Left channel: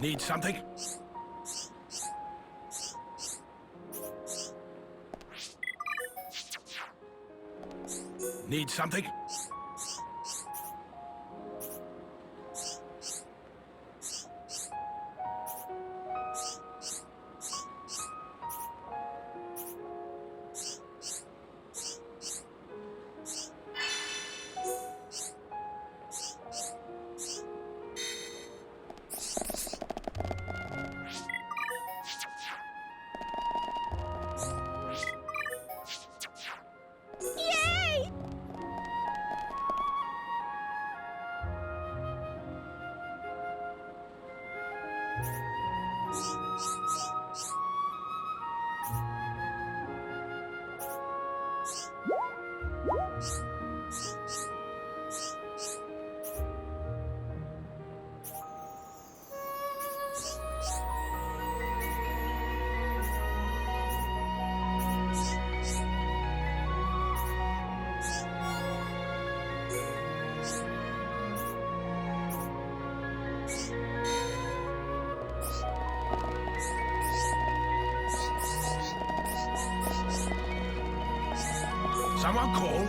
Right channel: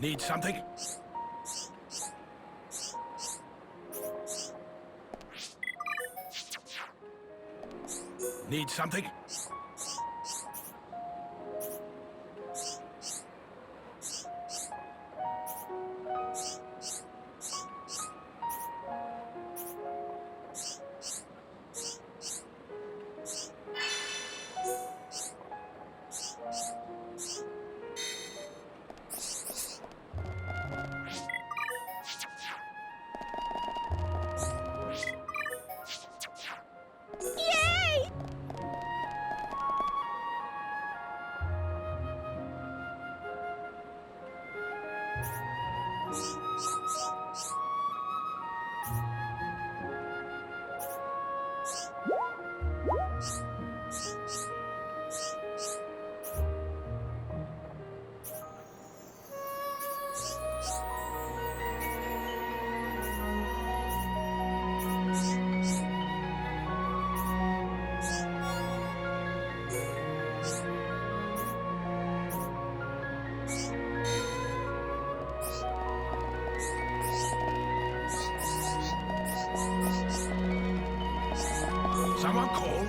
Need something? Need something? Someone call?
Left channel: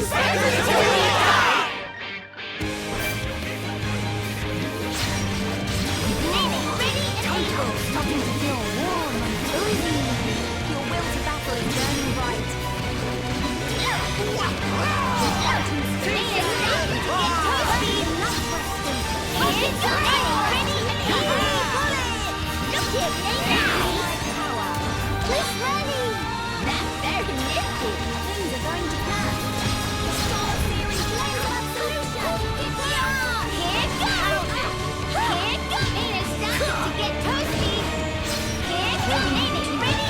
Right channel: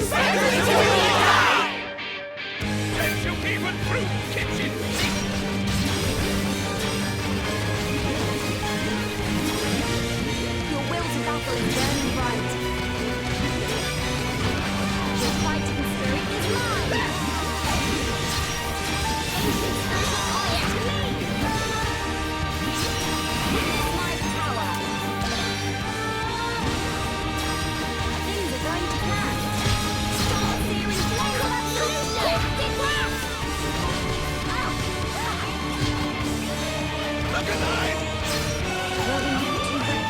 Your will to battle is burning bright. Your fighting spirit is mine. My power. Things are going to plan. Start searing flames of absolution. Will we make it too good.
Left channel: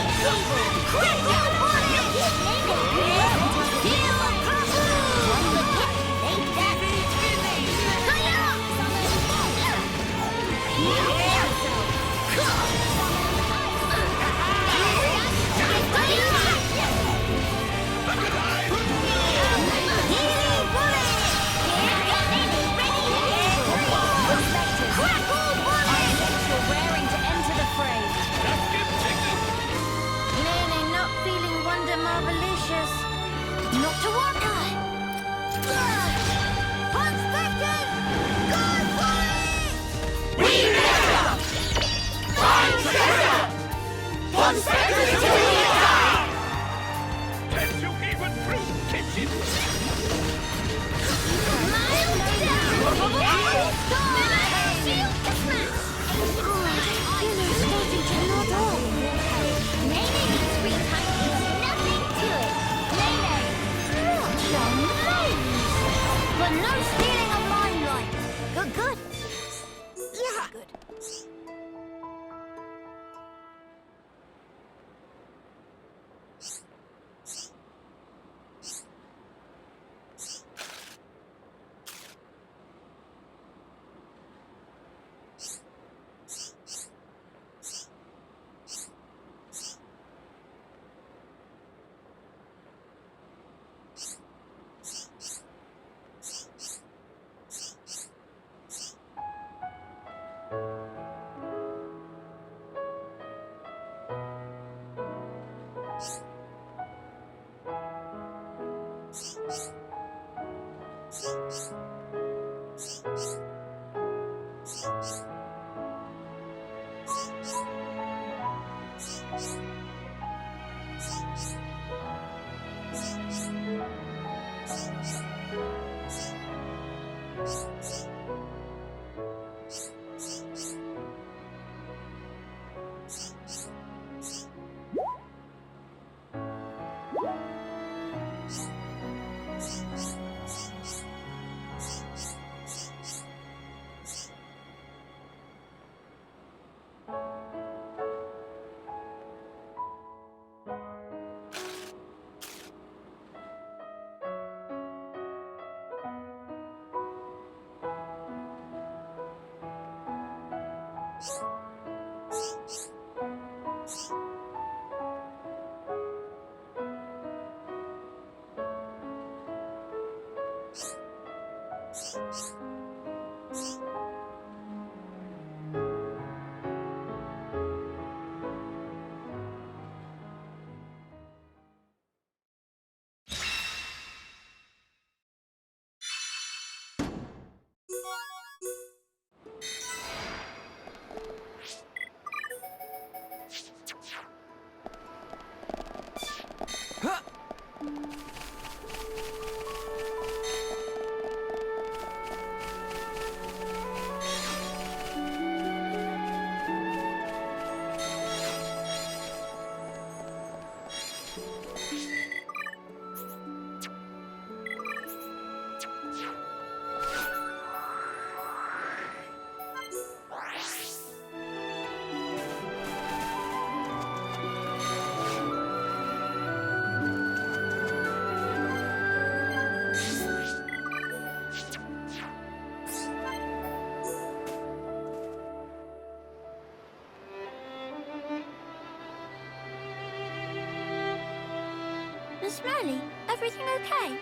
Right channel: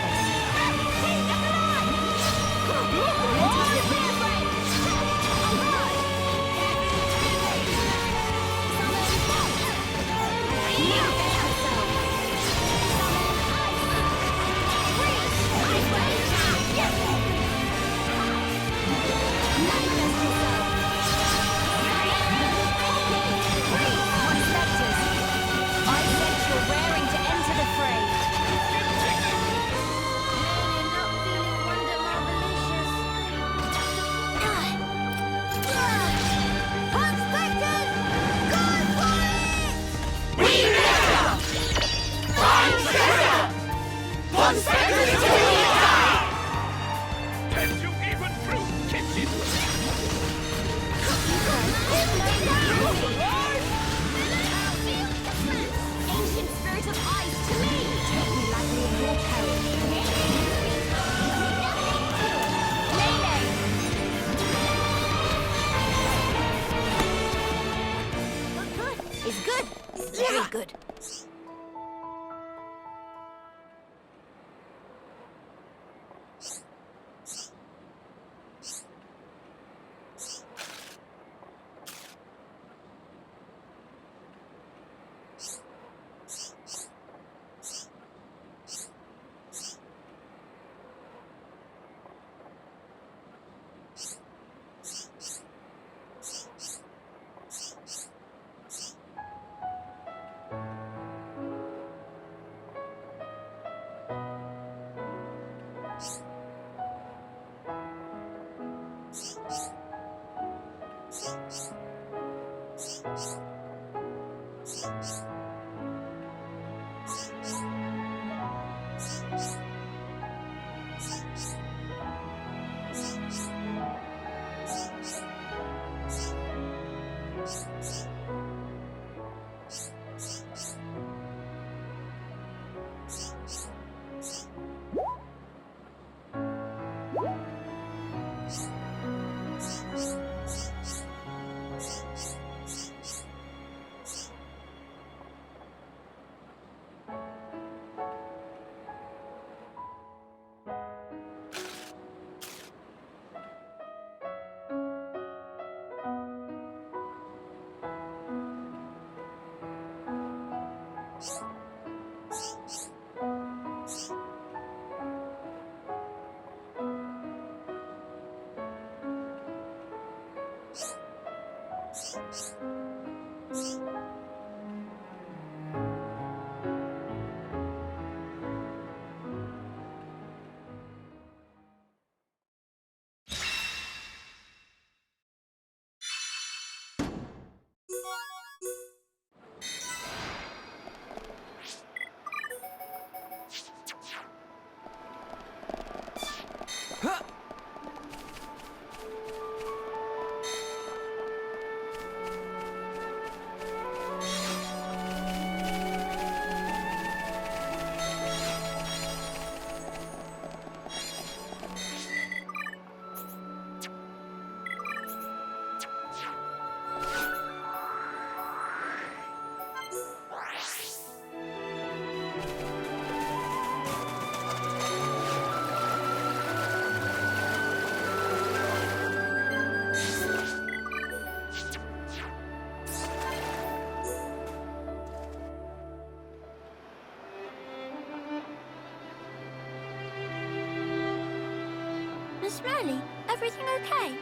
Smiley, everything okay?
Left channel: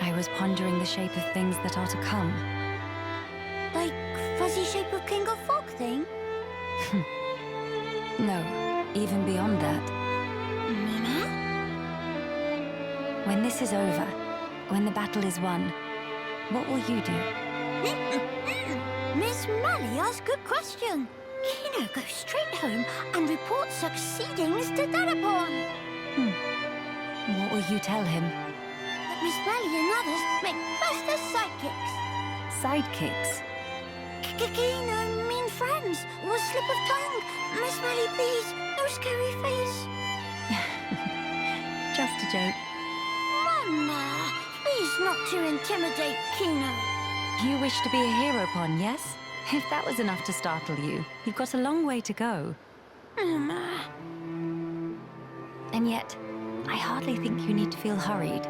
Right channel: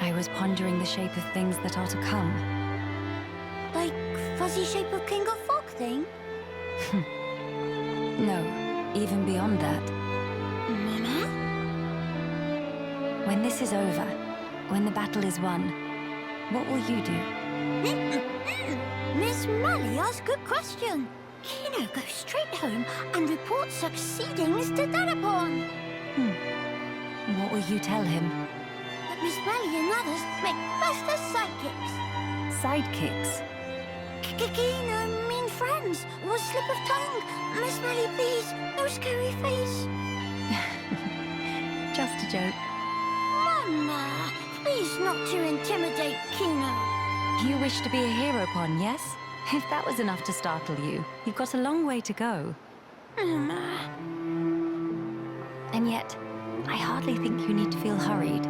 I was pondering the shape of things that are to come. Like fuzzy shape of King of Fog thing? No, even beyond that. Mama? When this is over, when the battle is won, what will you do? Miss Mally asked a good question. Kino goes straight home and reports succeedings to Dadapon. What will you tell him? But Miss Mally and others make best as sidekicks. Sidekicks? Kino mean friends. Was slip of tongue. Miss Mally, please, no scary face. Just a joke. Mama, please not to intimidate Kino. You wish to be a hero pawn, yes? If that was enough to startle you, you've got a long way to go. Mama. And yet, I hardly think you need to feel hurried.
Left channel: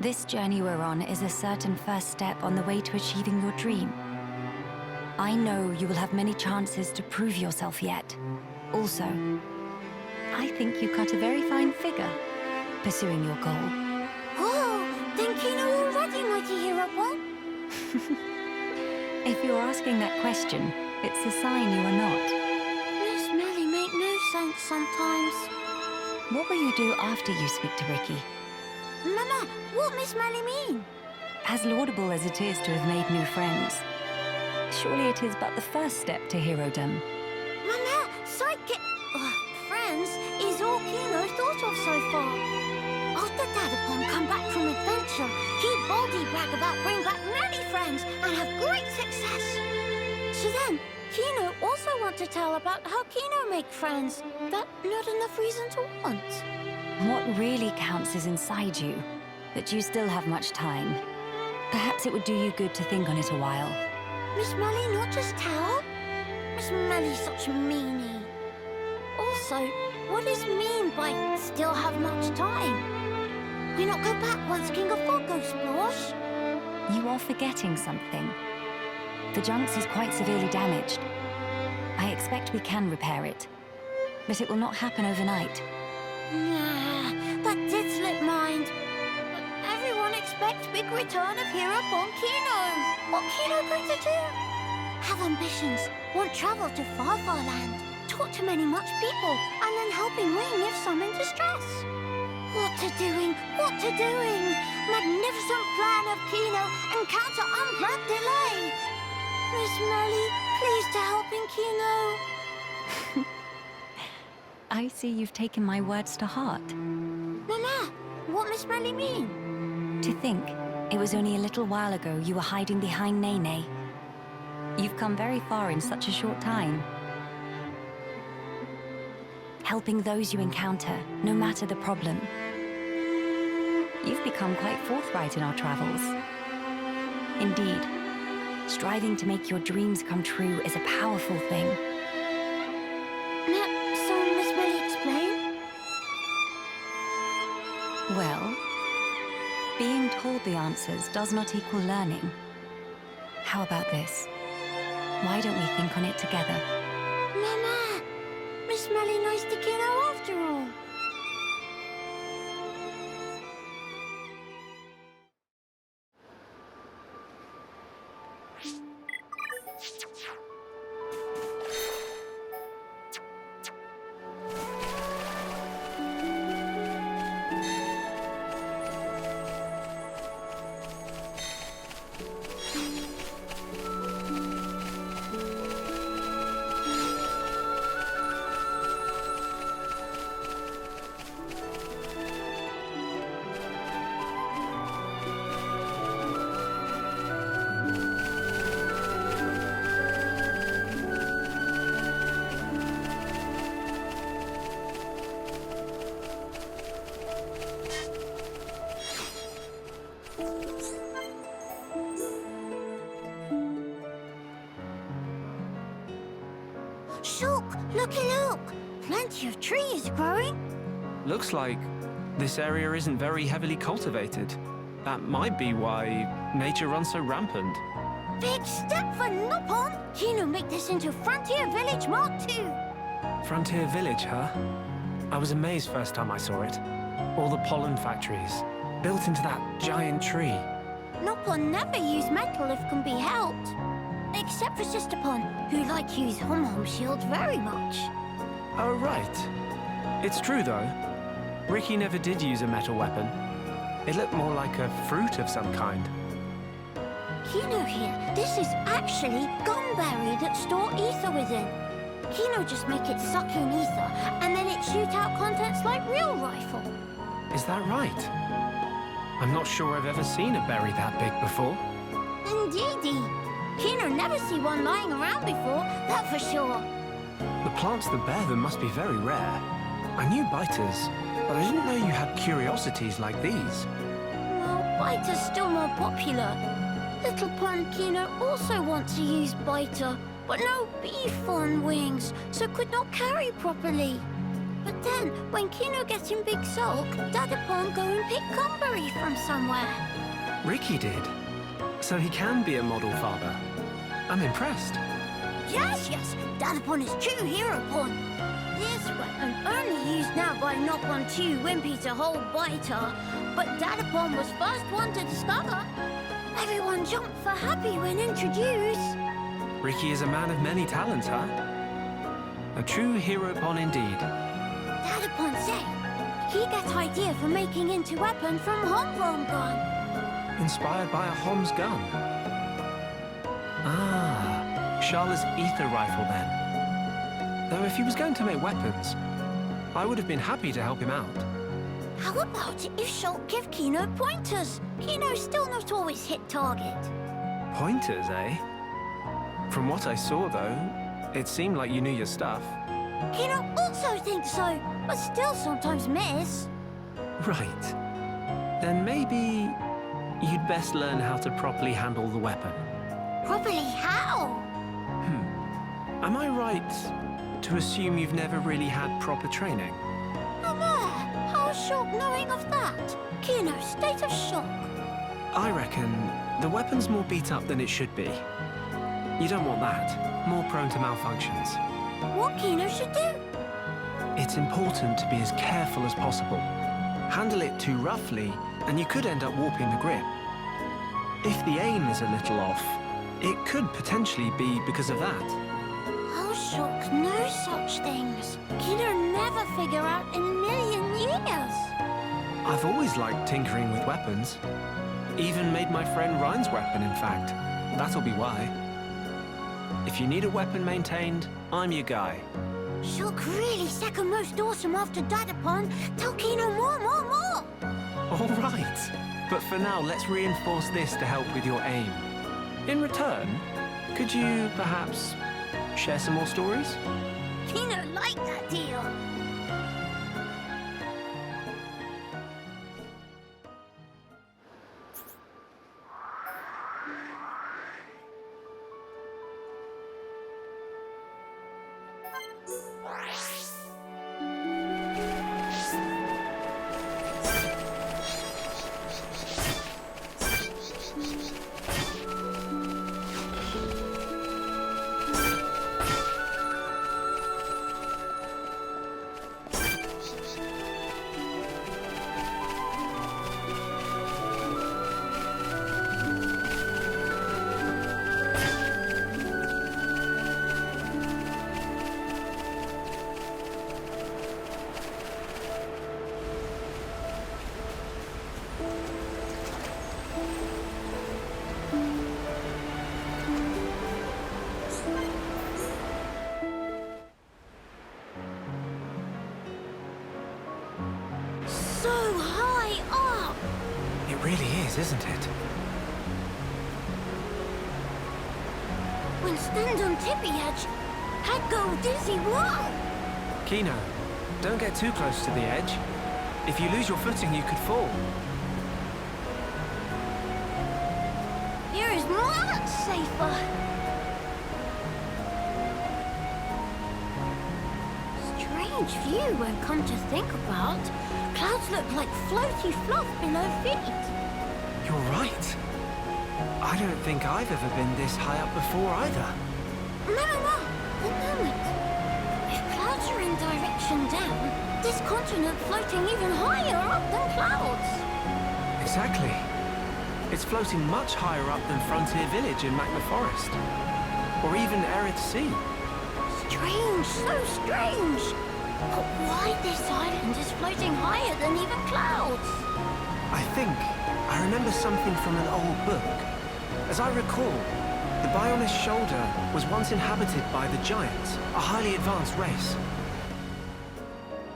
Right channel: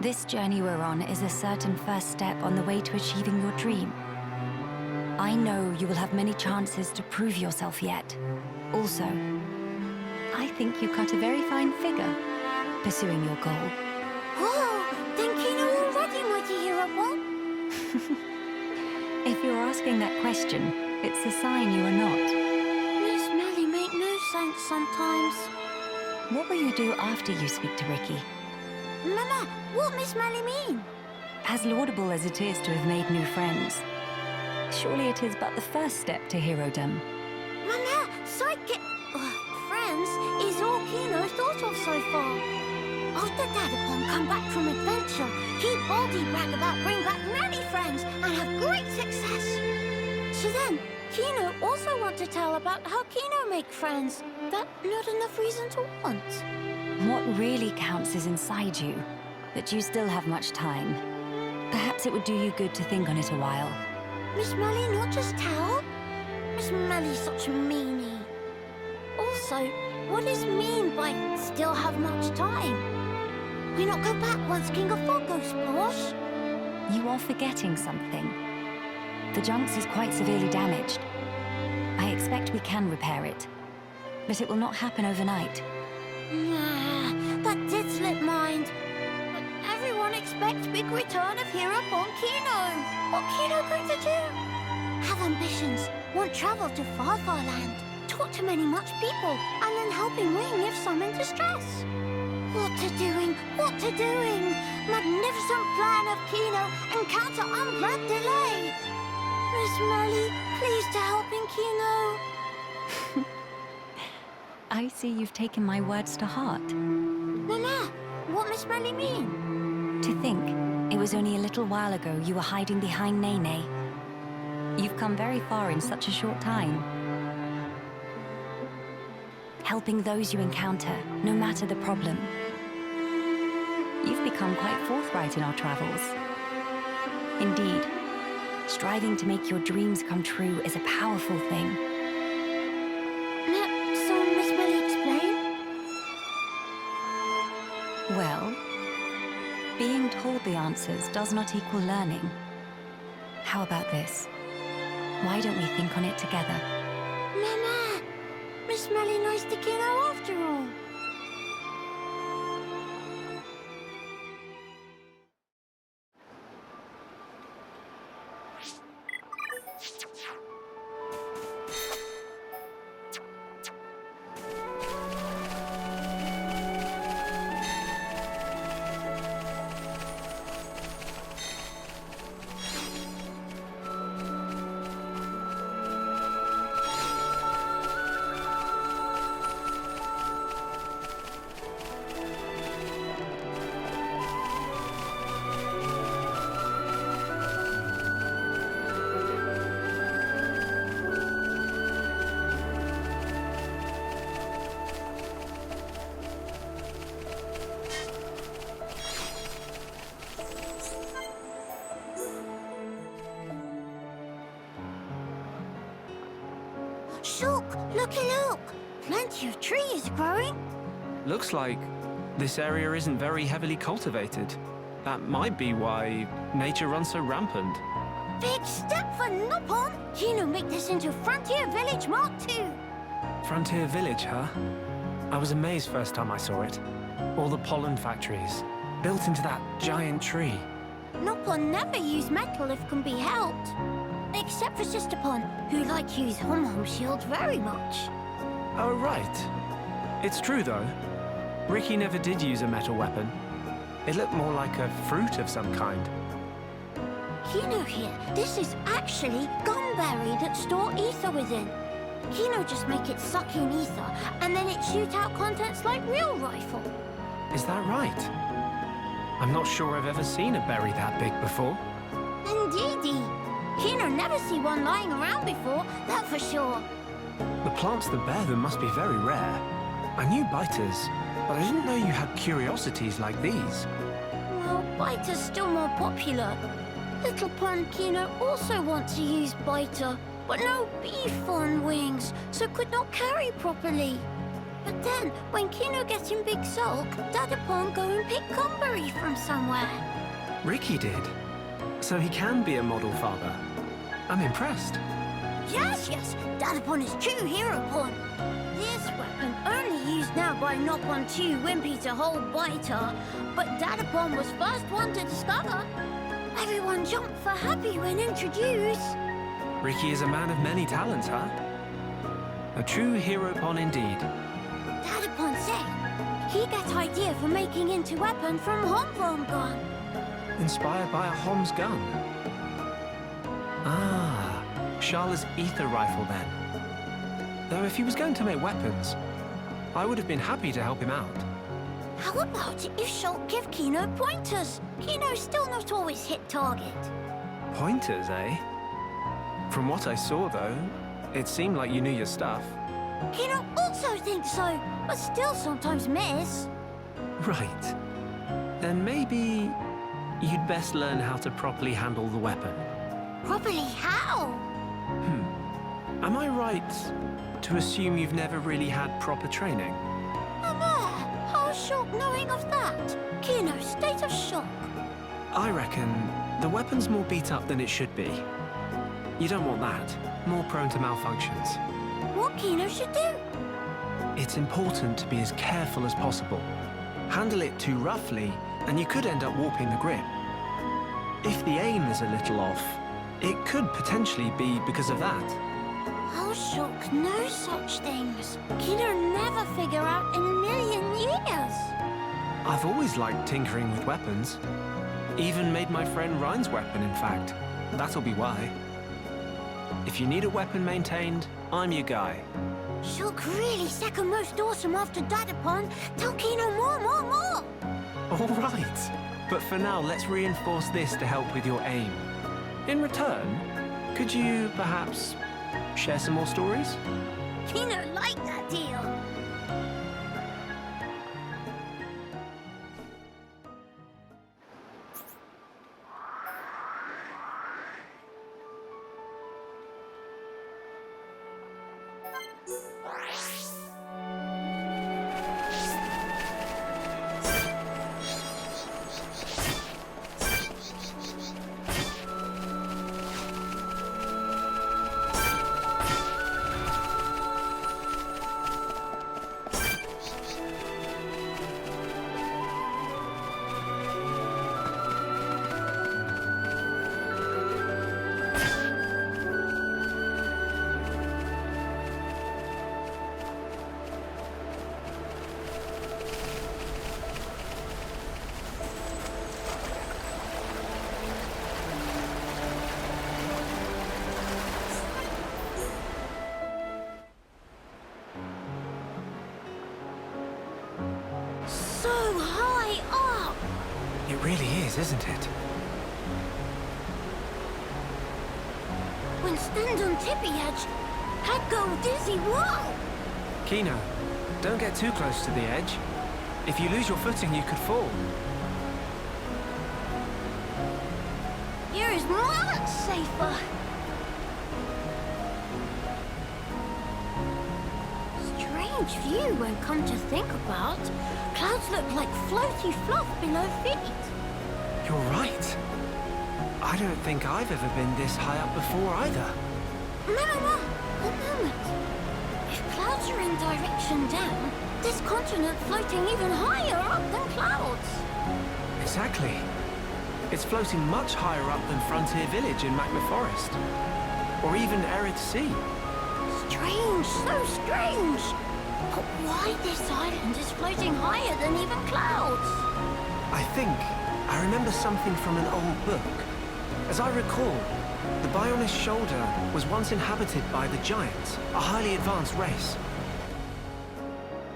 This journey we're on is a certain first step on the way to achieving your dream. I know you will have many chances to prove yourself yet. Also, I think you cut a very fine figure pursuing your goal. Whoa, then Kino already mighty hero pawn? If you're asking that question, it's a sign you are not. Miss Mally make no sense sometimes. What will you do after you speak to Ricky? Mama, what Miss Mally mean? As laudable as it is to have made new friends, surely it is but the first step to herodom. Mama, sidekick... friends is all Kino thought of so far. After Dadapon come back from adventure, he boldly brag about bring back many friends and have great success. So then, Kino also want to tell about how Kino make friends. That not enough reason to want. What really counts is inside you, but you still have much time. Perhaps it would do you good to think on it a while. Miss Mally not just tell? Miss Mally's such a meanie. Also, what is mean by still have much time? We not go back once King of Fog goes splosh? You are forgetting something. The Junks is quite severely damaged. I expect we can repair it, but it will not happen overnight. Nah, that did slip mind. But everyone expects big return of hero upon Kino. What Kino going to do? Have ambitions, want travel to far, far land, talk to many much people, and then helping Ring if some in distress. What to doing? What to doing? Magnificent plan of Kino, encounter unplanned delay. Miss Mally, please to helping Kino. I see you've taken my words to heart. Mama, what Miss Mally mean? To think, it was only a little while ago you were hiding behind Nene. You've come very far in such a short time. Helping those you encounter, no matter the problem. You've become quite forthright in our travels. Indeed, striving to make your dreams come true is a powerful thing. So Miss Mally explain? Well, being told the answers does not equal learning. How about this? Why don't we think on it together? Mama, Miss Mally nice to Kino after all. Shook, looky look! Plenty of trees growing. Looks like this area isn't very heavily cultivated. That might be why nature runs so rampant. Big step for Nopon! Kino make this into Frontier Village Mark II. Frontier Village, huh? I was amazed first time I saw it. All the pollen factories, built into that giant tree. Nopon never use metal if can be helped. Except for Sisterpon, who like use Hom-Hom shield very much. Oh, right. It's true, though. Ricky never did use a metal weapon. It looked more like a fruit of some kind. Kino here, this is actually gumberry that store ether within. Kino just make it suck in ether, and then it shoot out contents like real rifle. Is that right? I'm not sure I've ever seen a berry that big before. Indeedy. Kino never see one lying around before, that for sure. The plants that bear them must be very rare. I knew biters, but I didn't know you had curiosities like these. Well, biter's still more popular. Little Pond Kino also want to use biter, but no beef on wings, so could not carry properly. But then, when Kino gets in big sulk, Dadapon go and pick gumberry from somewhere. Ricky did. So he can be a model father. I'm impressed. Yes, Dadapon is true hero pon. This weapon only used now by Nopon 2 Wimpy to hold biter, but Dadapon was first one to discover. Everyone jumped for happy when introduced. Ricky is a man of many talents, huh? A true hero pon indeed. Dadapon say he get idea for making into weapon from homegrown gun. Inspired by a Hom's gun. Ah, Sharla's ether rifle then. Though if he was going to make weapons, I would have been happy to help him out. How about if Shulk give Kino pointers? Kino's still not always hit target. Pointers, eh? From what I saw, though, it seemed like you knew your stuff. Kino also thinks so, but still sometimes miss. Right. Then maybe you'd best learn how to properly handle the weapon. Properly how? Am I right to assume you've never really had proper training? How's Shulk knowing of that? Kino's state of shock. I reckon the weapon's more beat up than it should be. You don't want that. More prone to malfunctions. What Kino should do? It's important to be as careful as possible. Handle it too roughly, and you could end up warping the grip. If the aim is a little off, it could potentially be because of that. How Shulk knows such things? Kino never figure out in a million years. I've always liked tinkering with weapons. Even made my friend Ryan's weapon, in fact. That'll be why. If you need a weapon maintained, I'm your guy. Shulk really second most awesome after Dadapon. Tell Kino more. All right. But for now, let's reinforce this to help with your aim. In return, could you perhaps share some more stories? Kino like that deal. So high up! It really is, isn't it? When stand on tippy edge, head go dizzy, whoa! Kino, don't get too close to the edge. If you lose your footing, you could fall. Here is much safer. Strange view when come to think about. Clouds look like floaty fluff below feet. You're right. I don't think I've ever been this high up before either. Mama, one moment. If clouds are in direction down, this continent floating even higher up than clouds. Exactly. It's floating much higher up than Frontier Village in Magma Forest. Or even Arid Sea. Strange, so strange. But why this island is floating higher than even clouds? I think I remember something from an old book. As I recall, the Bionis Shoulder was once inhabited by the Giants, a highly advanced race.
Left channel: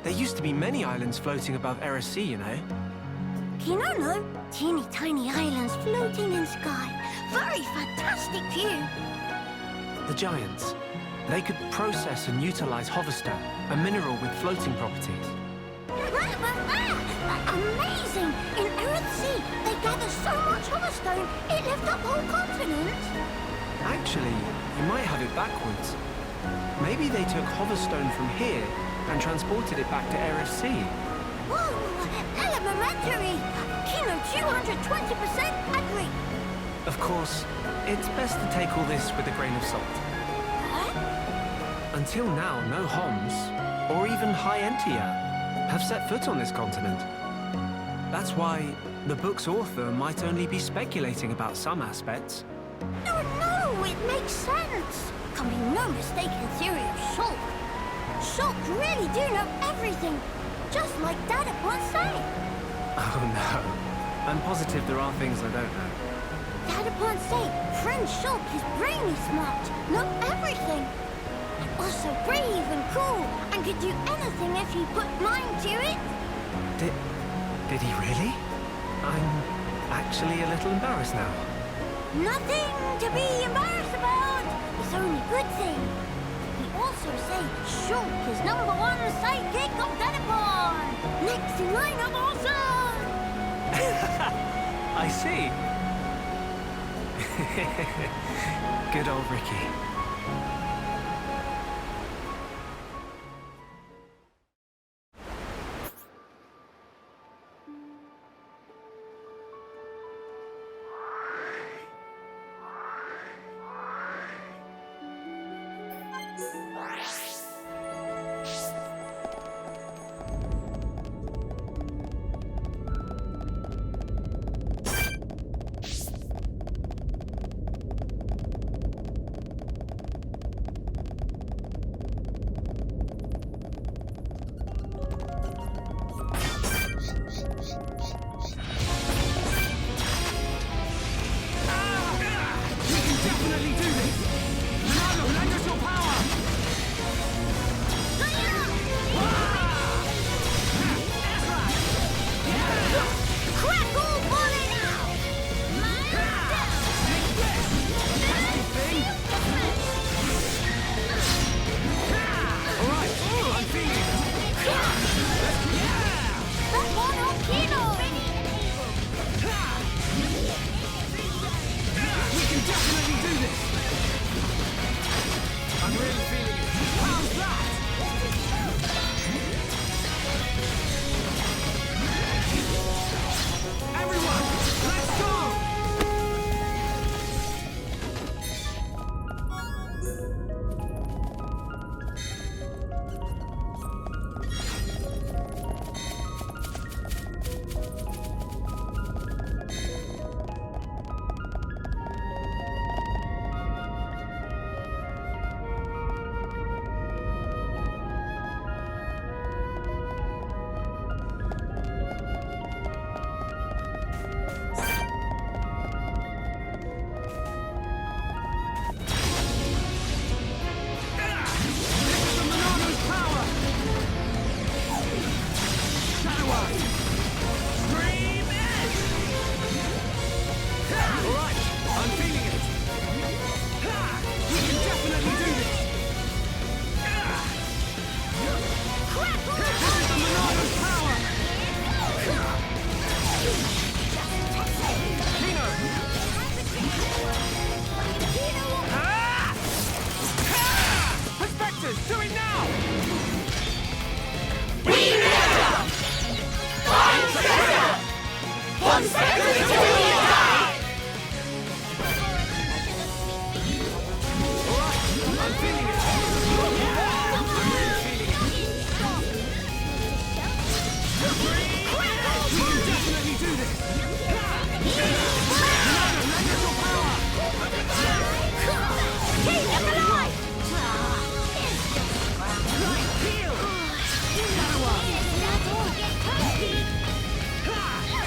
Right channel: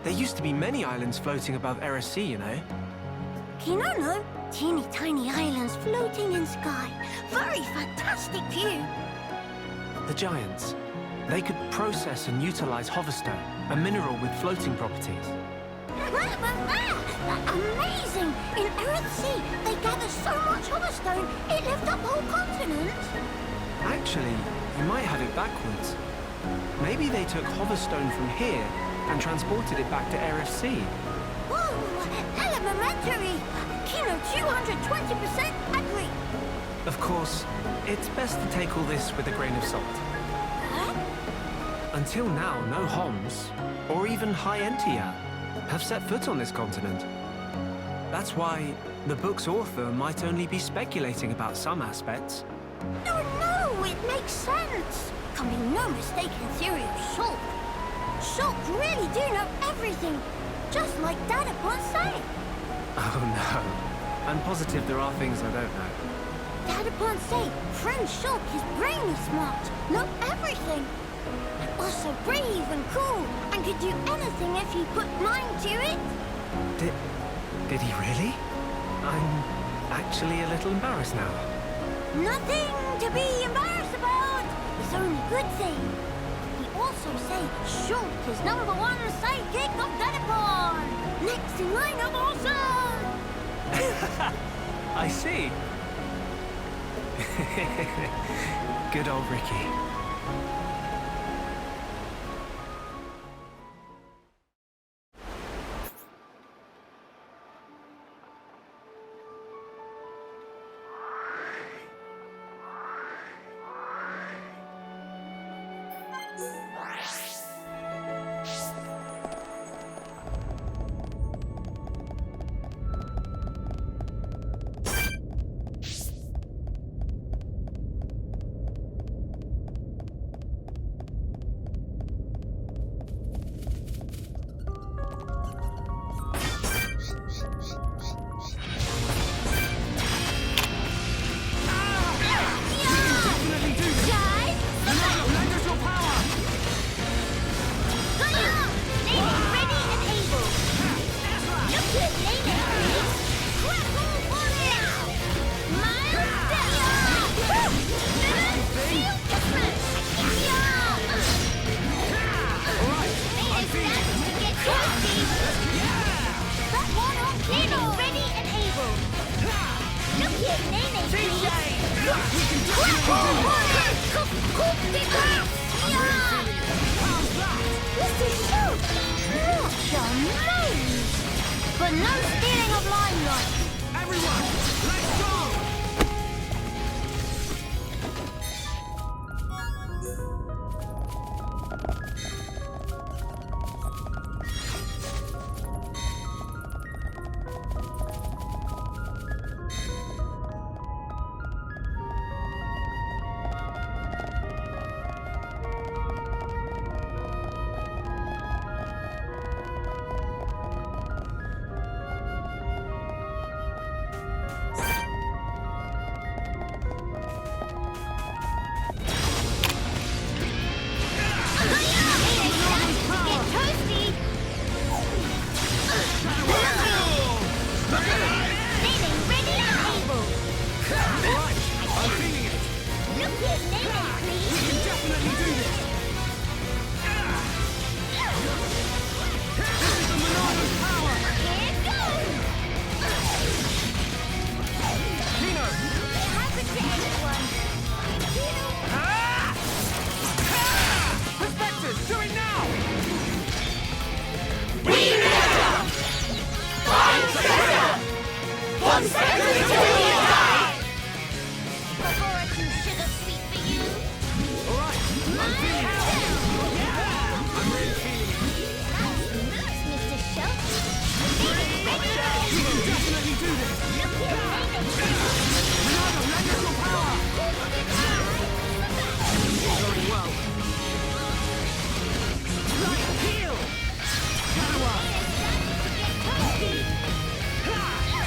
There used to be many islands floating above Eris Sea, you know. Kino no, teeny tiny islands floating in sky. Very fantastic view. The Giants. They could process and utilize hoverstone, a mineral with floating properties. Amazing! In Earth Sea, they gather so much hoverstone, it lifted up whole continents. Actually, you might have it backwards. Maybe they took hoverstone from here and transported it back to Eris Sea. Whoa! Elementary! Kino 220% agree. Of course, it's best to take all this with a grain of salt. Huh? Until now, no Homs, or even High Entia, have set foot on this continent. That's why the book's author might only be speculating about some aspects. No, it makes sense. Can be no mistaken theory of Shulk. Shulk really do know everything, just like Dada Ponce. Oh no, I'm positive there are things I don't know. Dada Ponce, friend Shulk is brainy smart, know everything. And also brave and cool, and could do anything if he put mind to it. Did he really? I'm actually a little embarrassed now. Nothing to be embarrassed about. It's only good thing. He also say Shulk is #1 sidekick of Dadapon. Next in line of awesome. I see. Good old Ricky.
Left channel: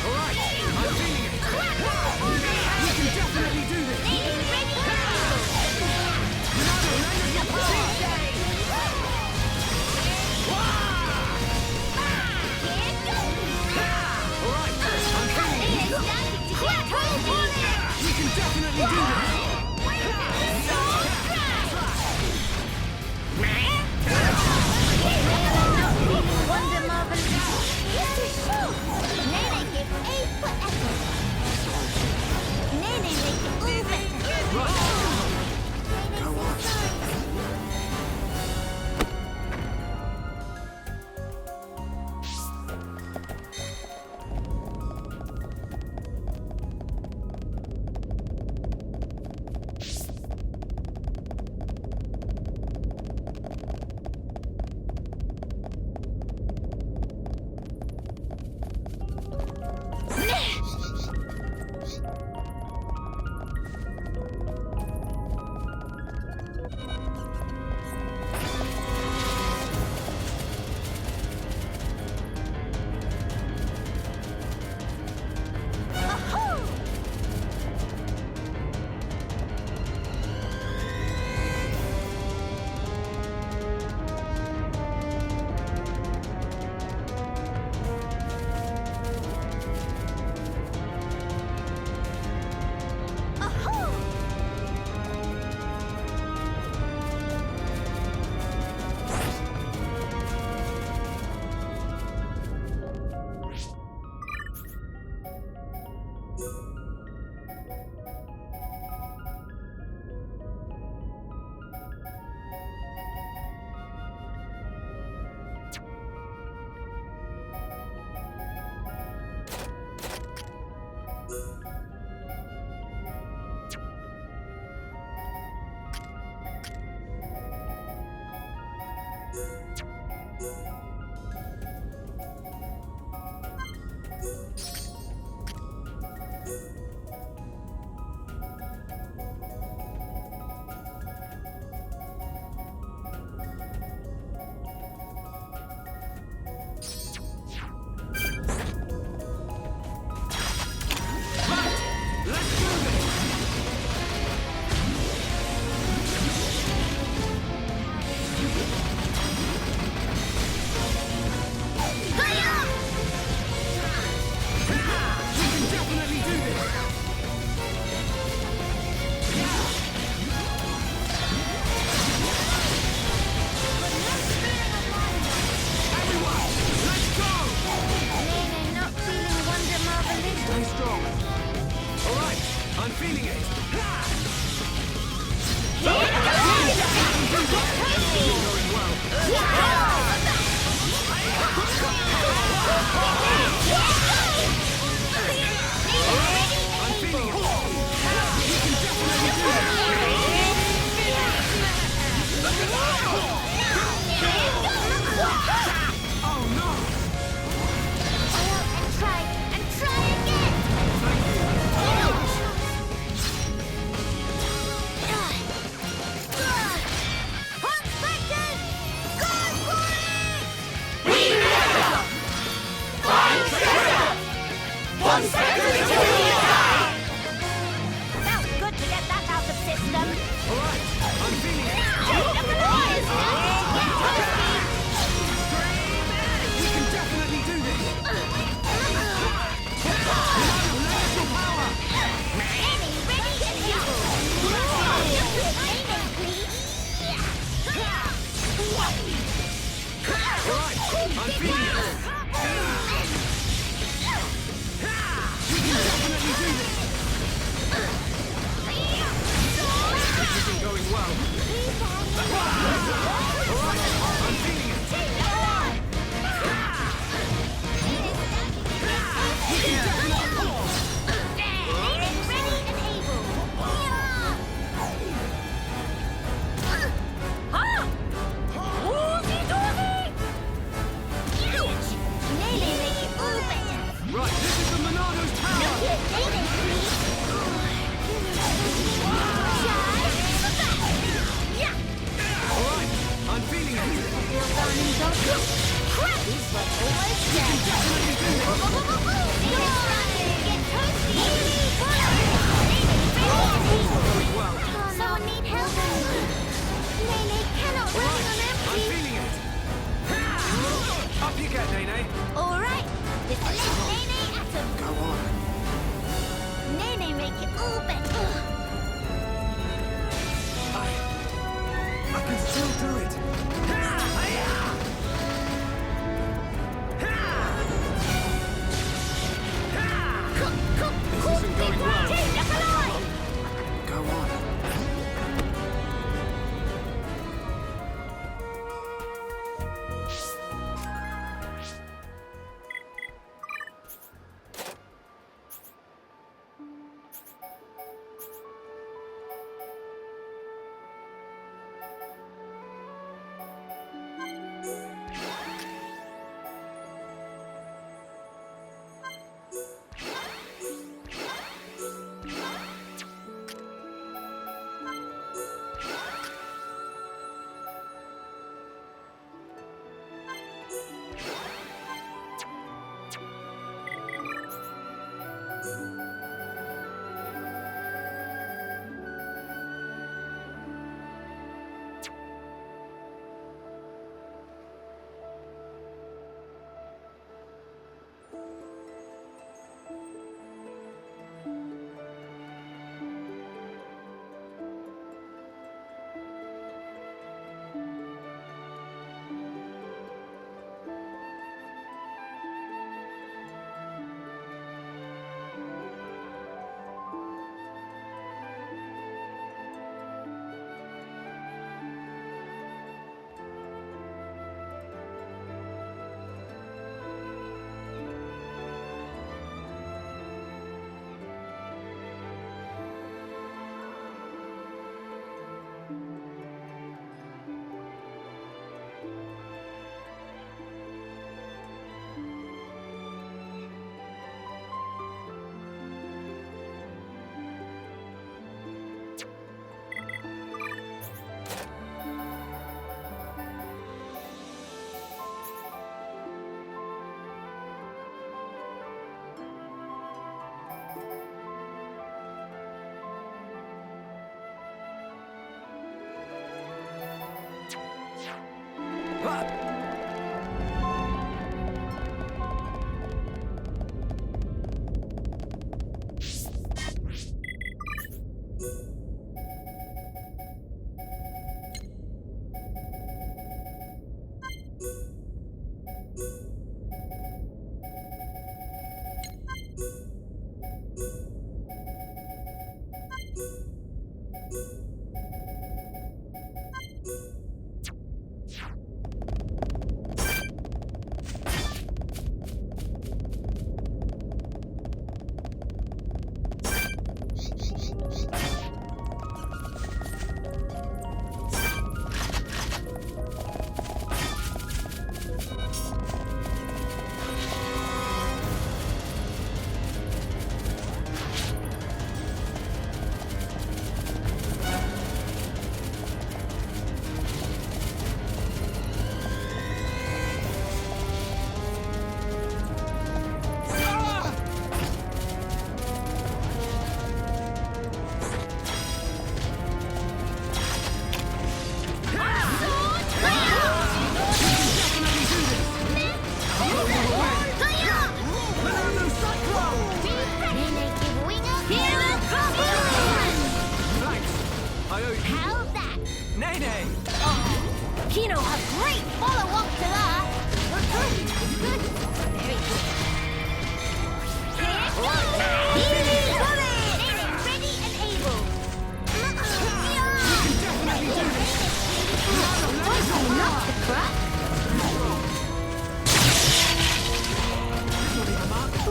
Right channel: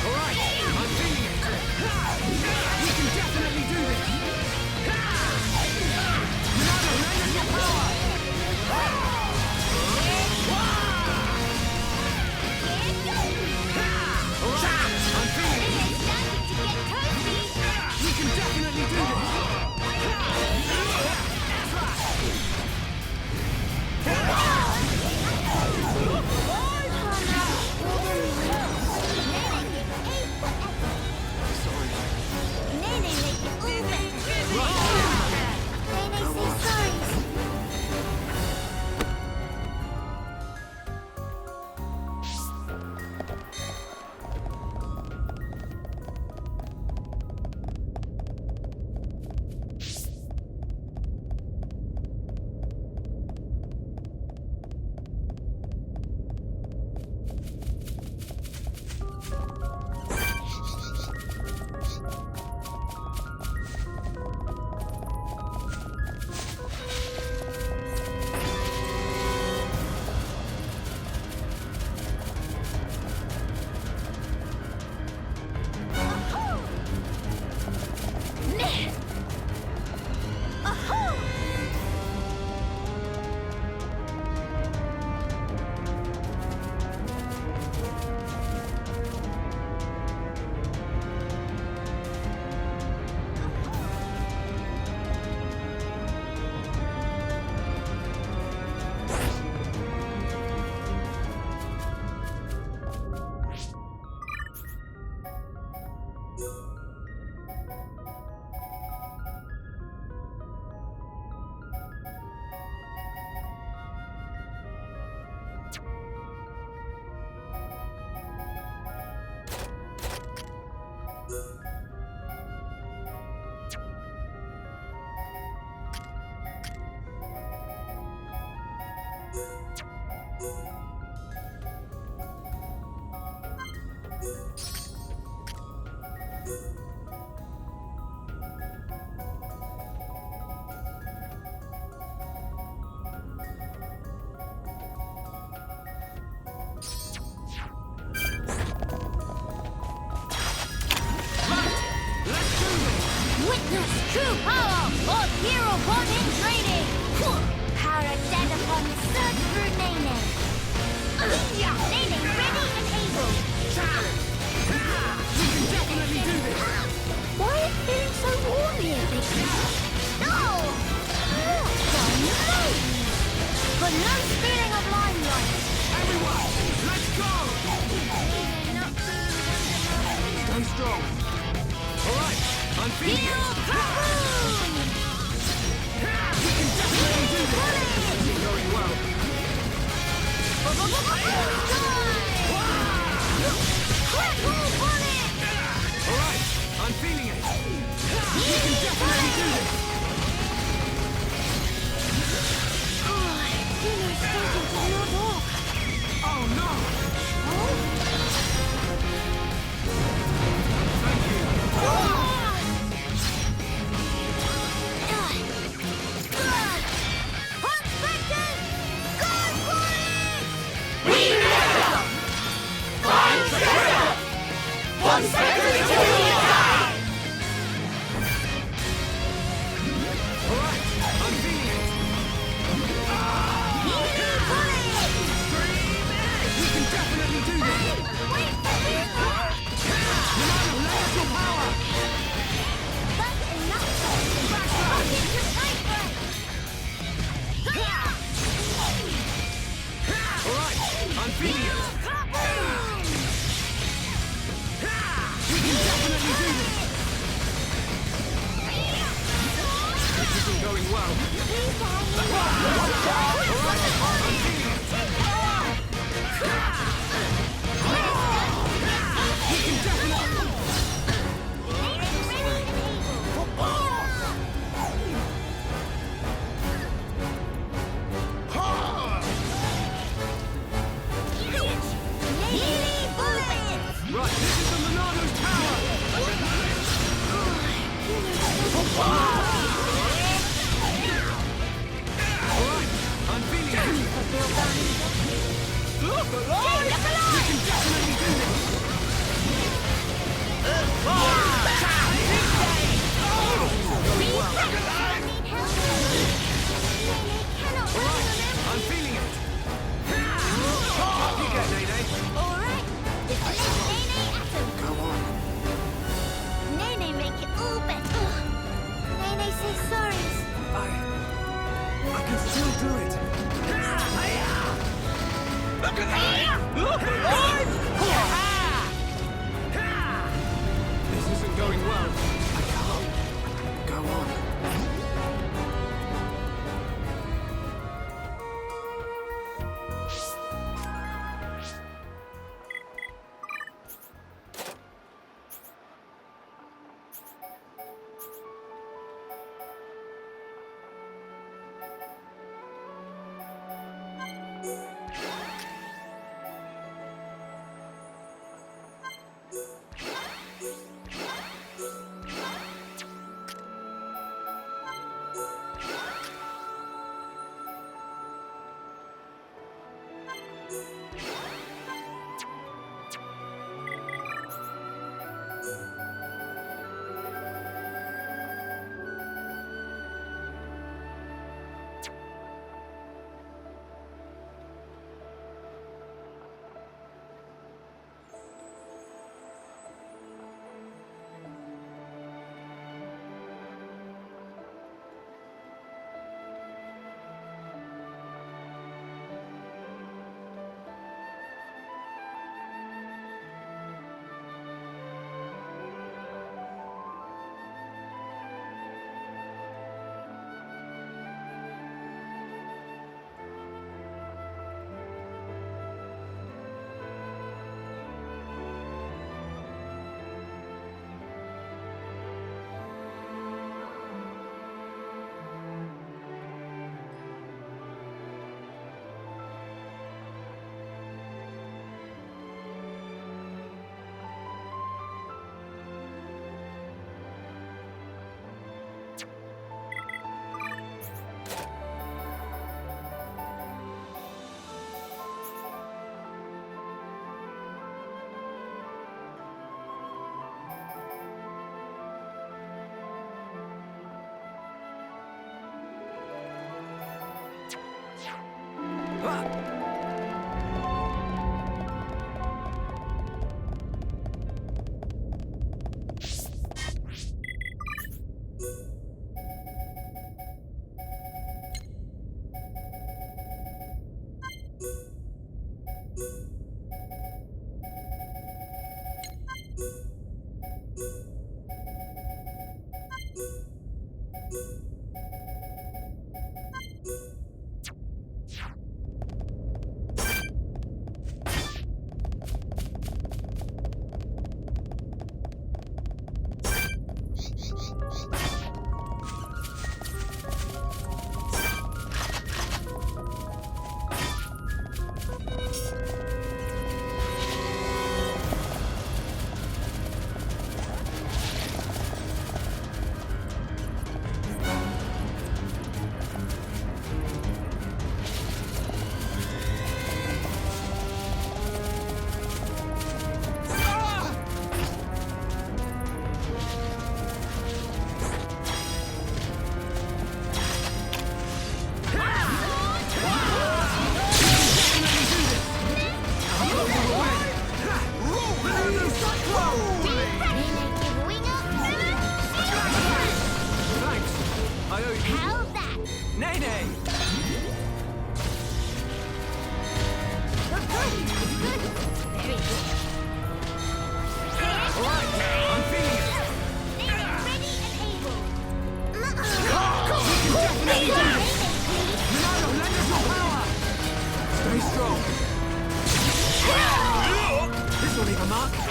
Alright, Stay strong. All right, I'm feeling it. You're going well. All right, I'm feeling it. You can definitely do this. Oh no! Going well. Right, this is the Monado's tower! Alright, I'm feeling it! We can definitely do this! Going well. Someone need help. Nene cannot run on empty. I'm feeling it! Up you get, Nene! All right, this is Nene Atom. Go on. Nene make it all better. Nene says sorry. I can still do it! This isn't going well. Go on.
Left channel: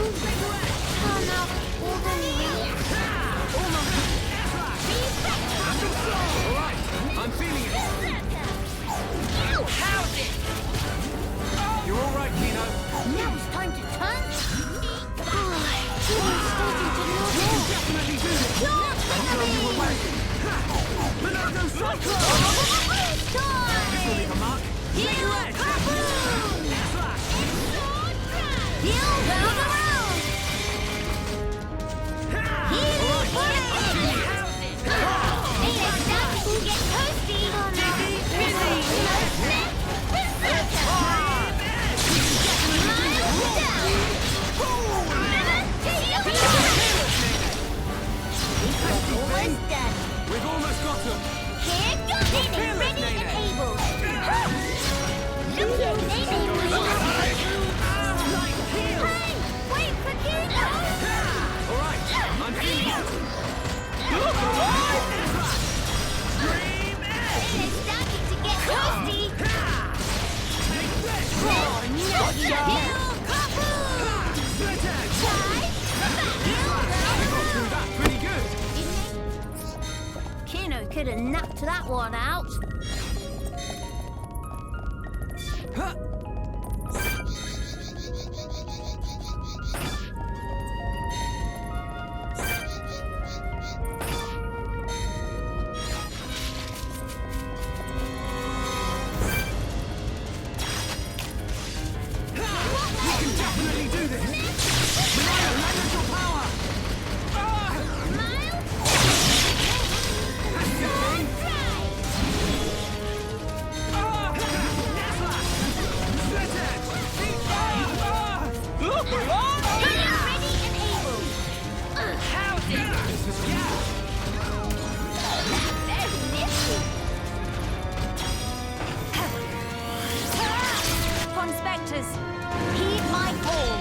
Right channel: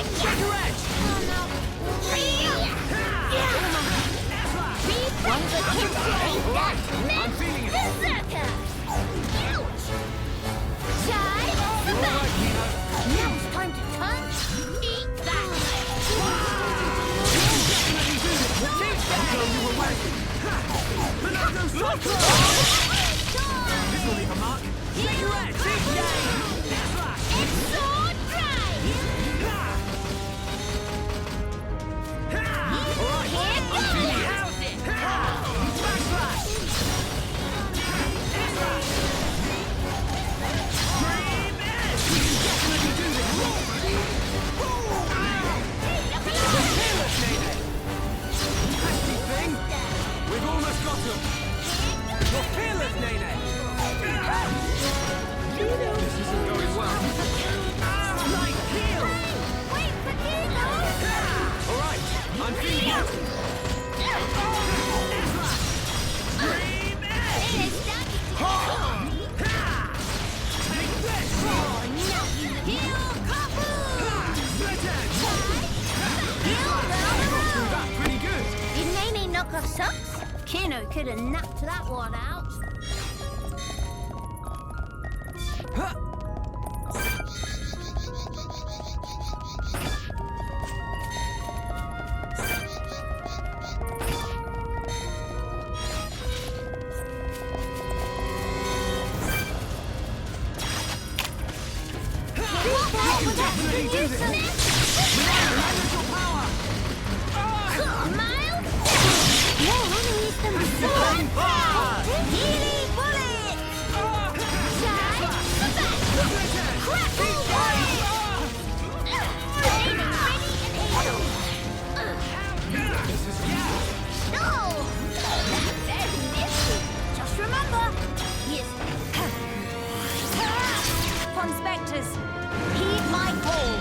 Oh no, all the Alright, I'm feeling it. You're all right, Kino. Now it's time to turn. Eat that. Definitely do this. I'll throw you away. Monado Cyclone! This will leave a mark. Cigarette! That's right. It's so dry. Alright, I'm feeling it. We've almost got him. You're fearless, Nene. This isn't going well. Right heel. Wait for Kino. All right, I'm feeling it. It is starting to get cozy. Take this. Oh, no, you don't. Split edge. We got through that pretty good. Did Nene knock off socks? Kino could have knocked that one out. Huh. You can definitely do this. Monado, leverage your power. Miles? Spectres, heed my call.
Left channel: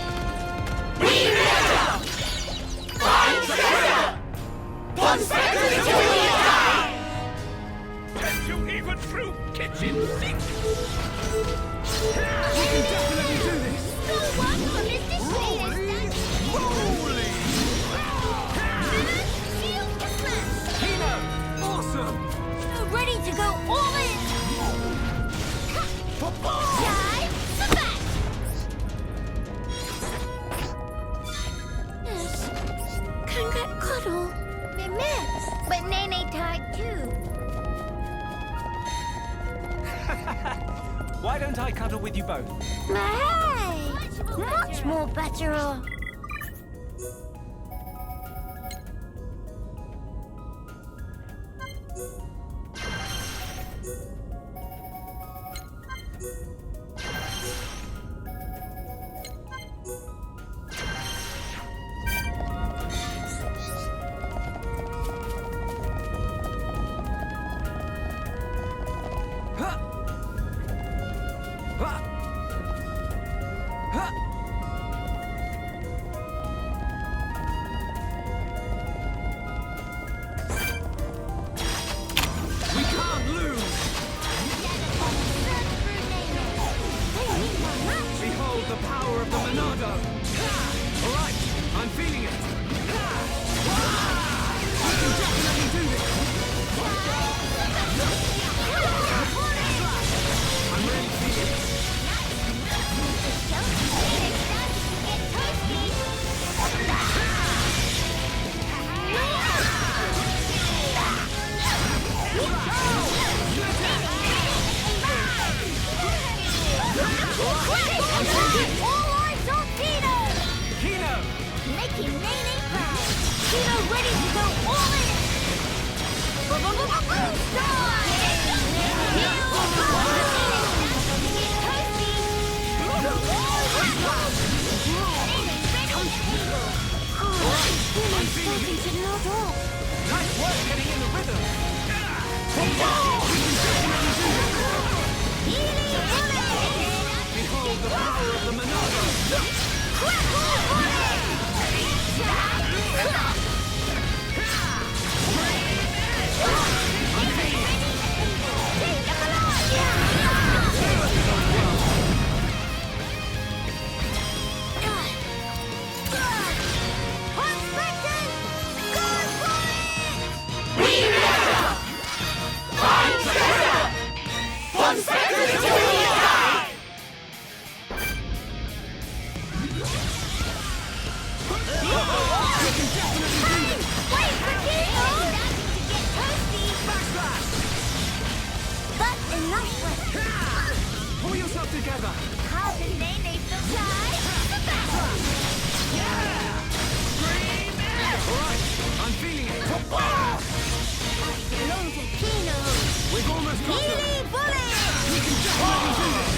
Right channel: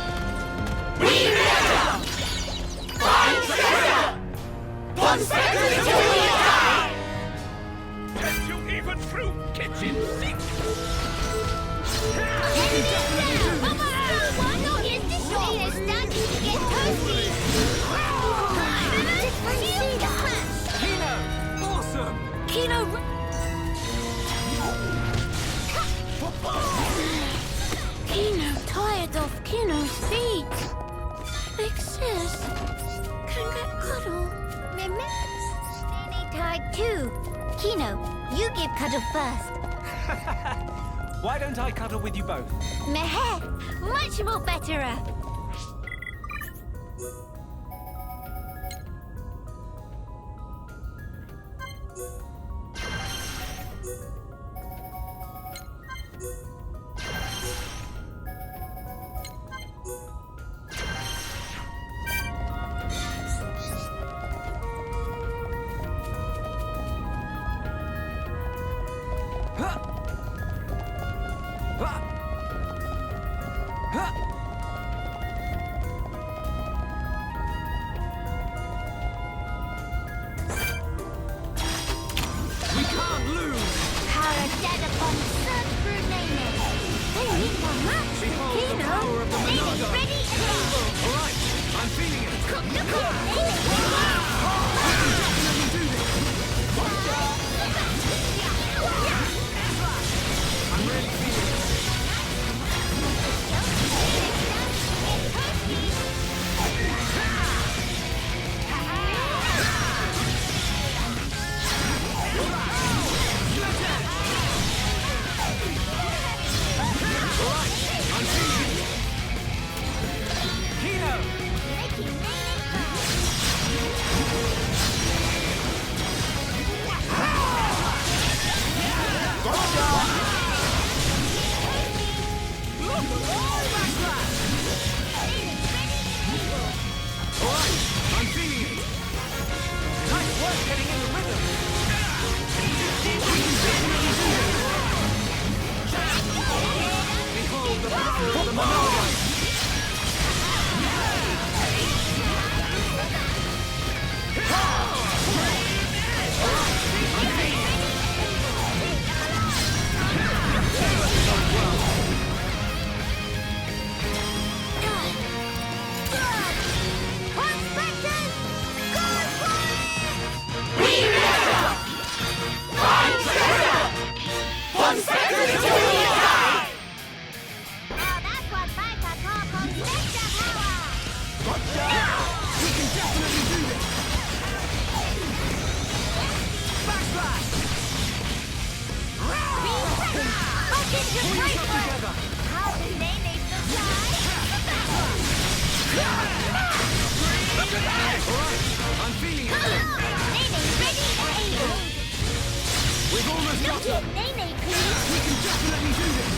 Get you even through kitchen sink. You can definitely do this. Kino, awesome. Kino ready to go all in. Kino's tired of Kino's feet. Big sis can get cuddle. But Nene tired too. Kino, you give cuddle first. Why don't I cuddle with you both? Much more better. We can't lose. Behold the power of the Monado. All right, I'm feeling it. You can definitely do this. I'm really feeling it. Kino! Making Nene proud. Kino ready to go all Alright, I'm feeling it. Nice work getting in the rhythm. We can definitely do this. Behold the power of the Monado. got her! We can definitely do this!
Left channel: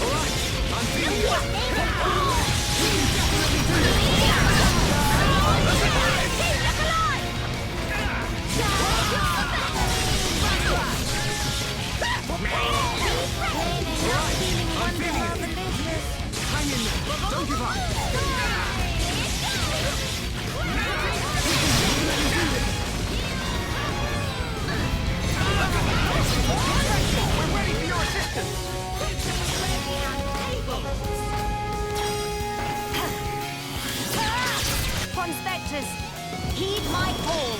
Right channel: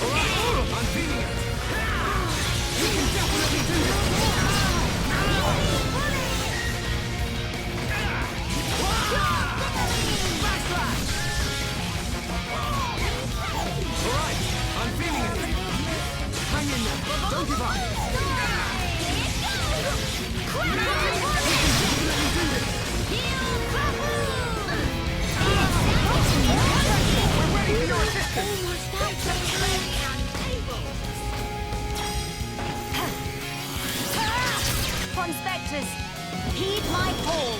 Alright, I'm feeling it! We can definitely do this! Alright, I'm feeling it! Hang in there, don't give up! We can definitely do this! We're ready for your assistance! Conspectors, heed my call.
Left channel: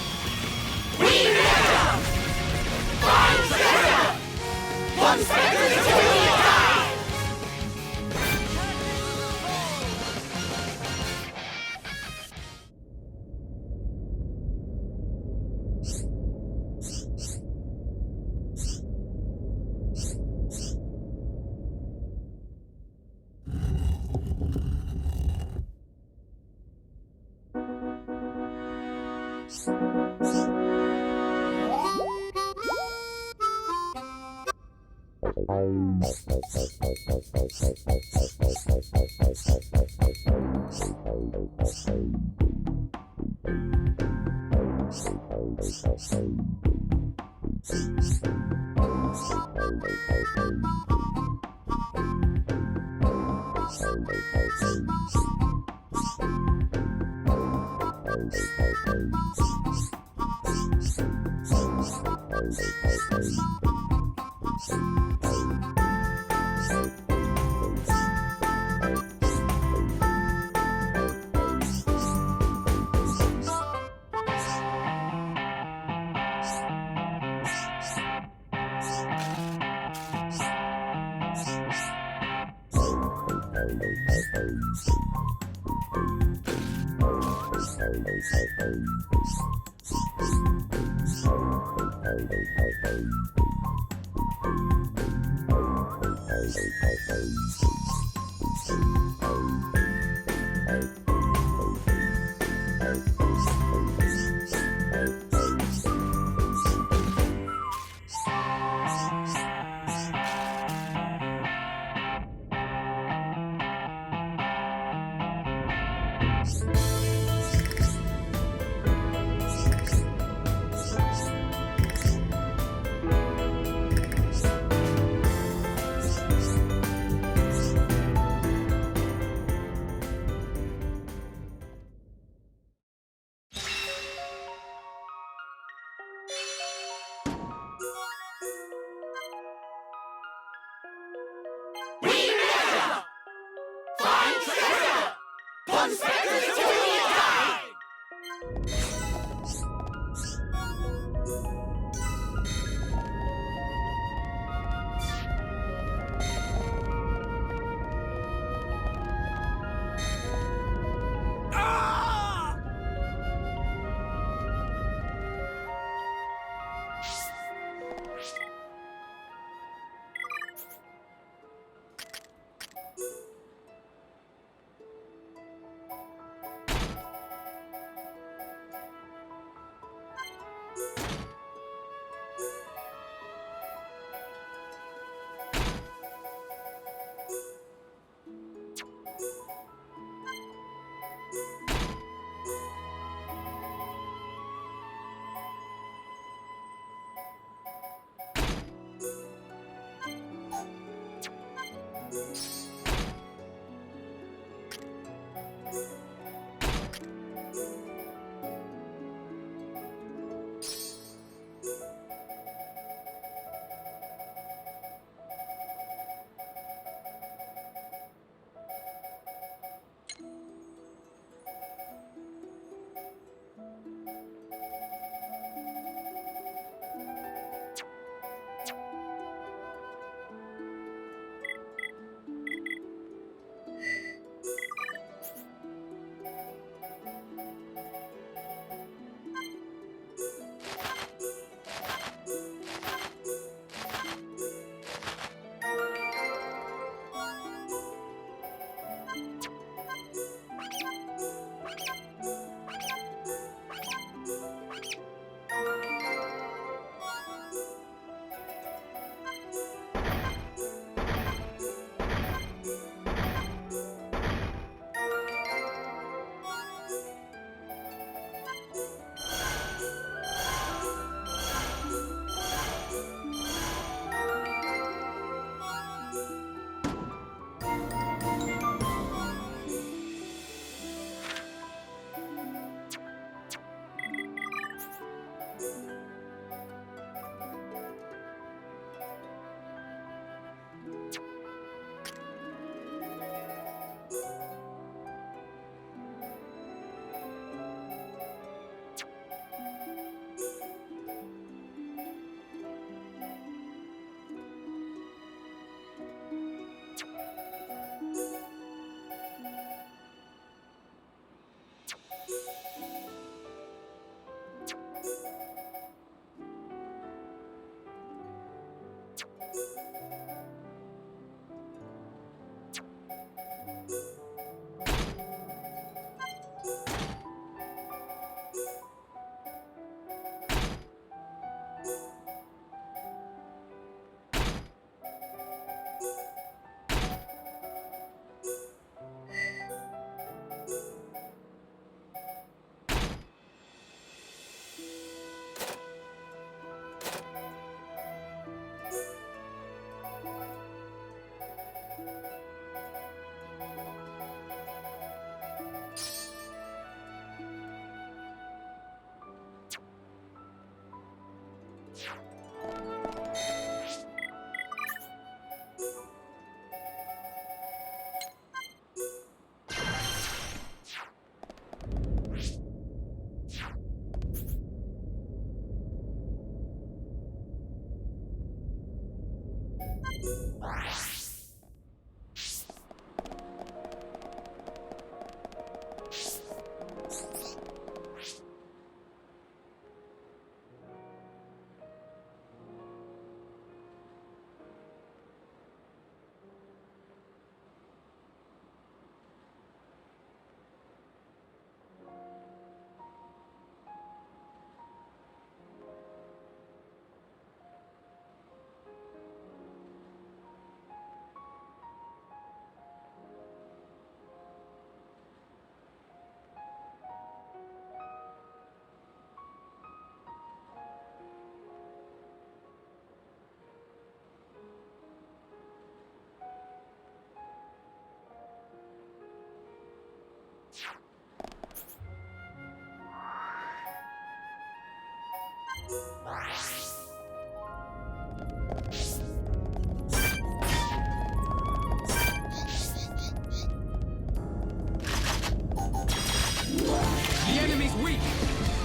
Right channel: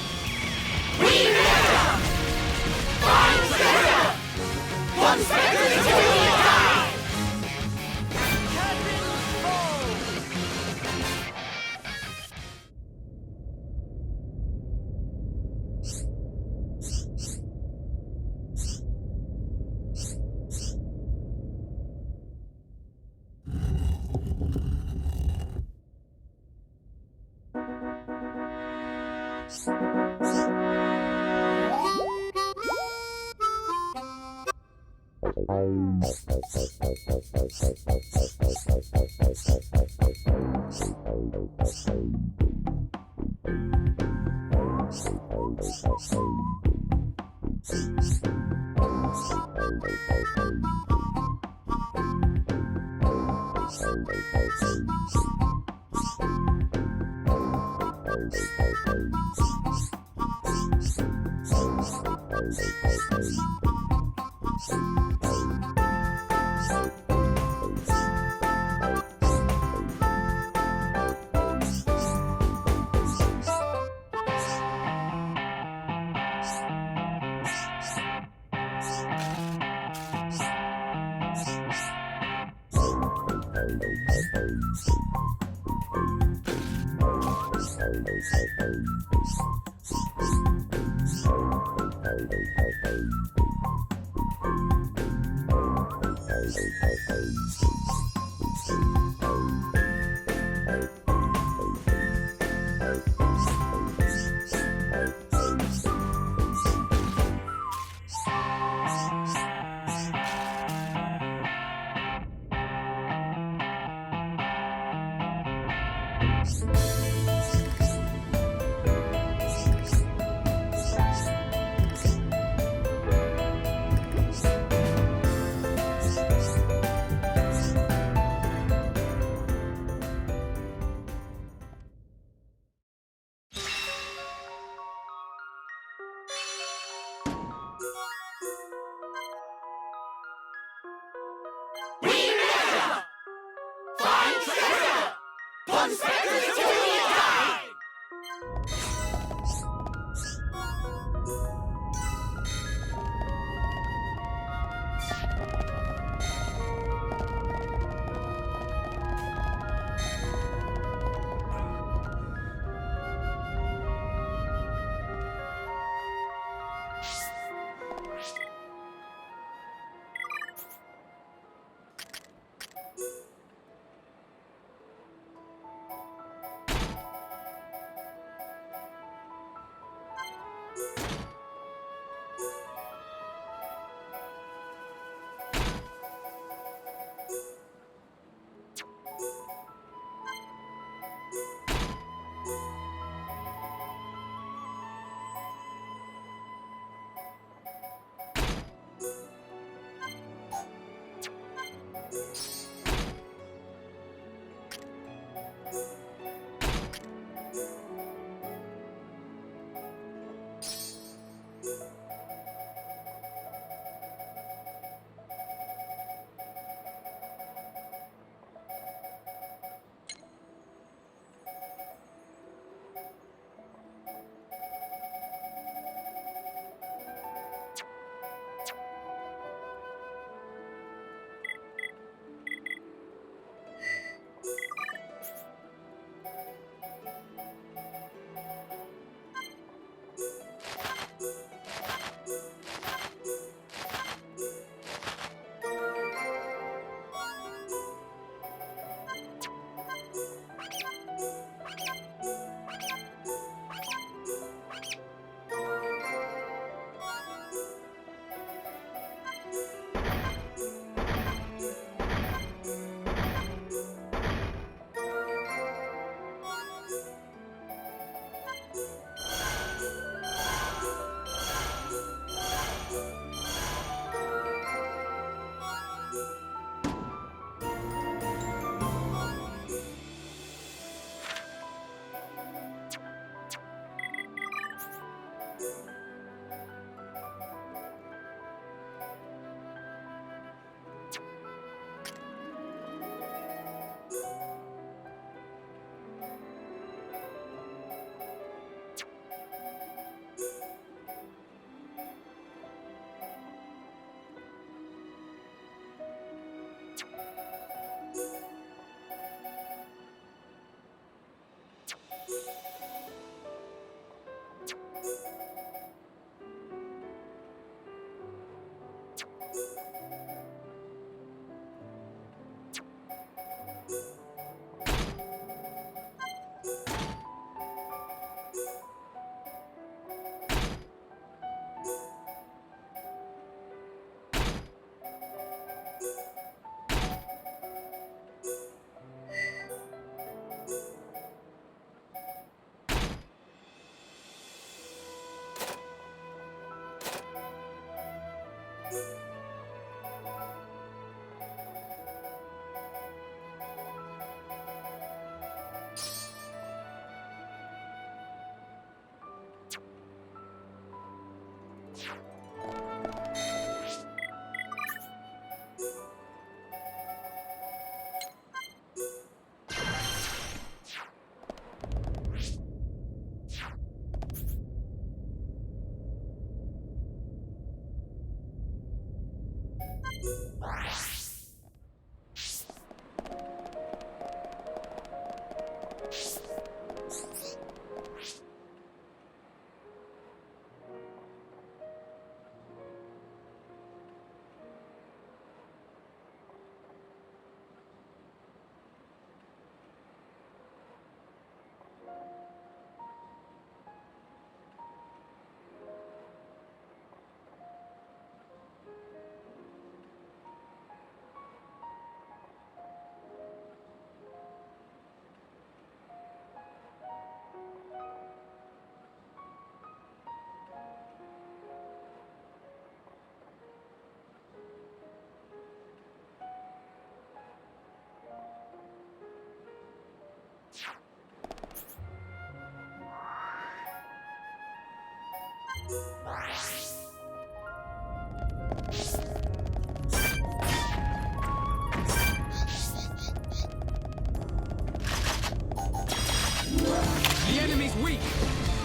The enemy's weak,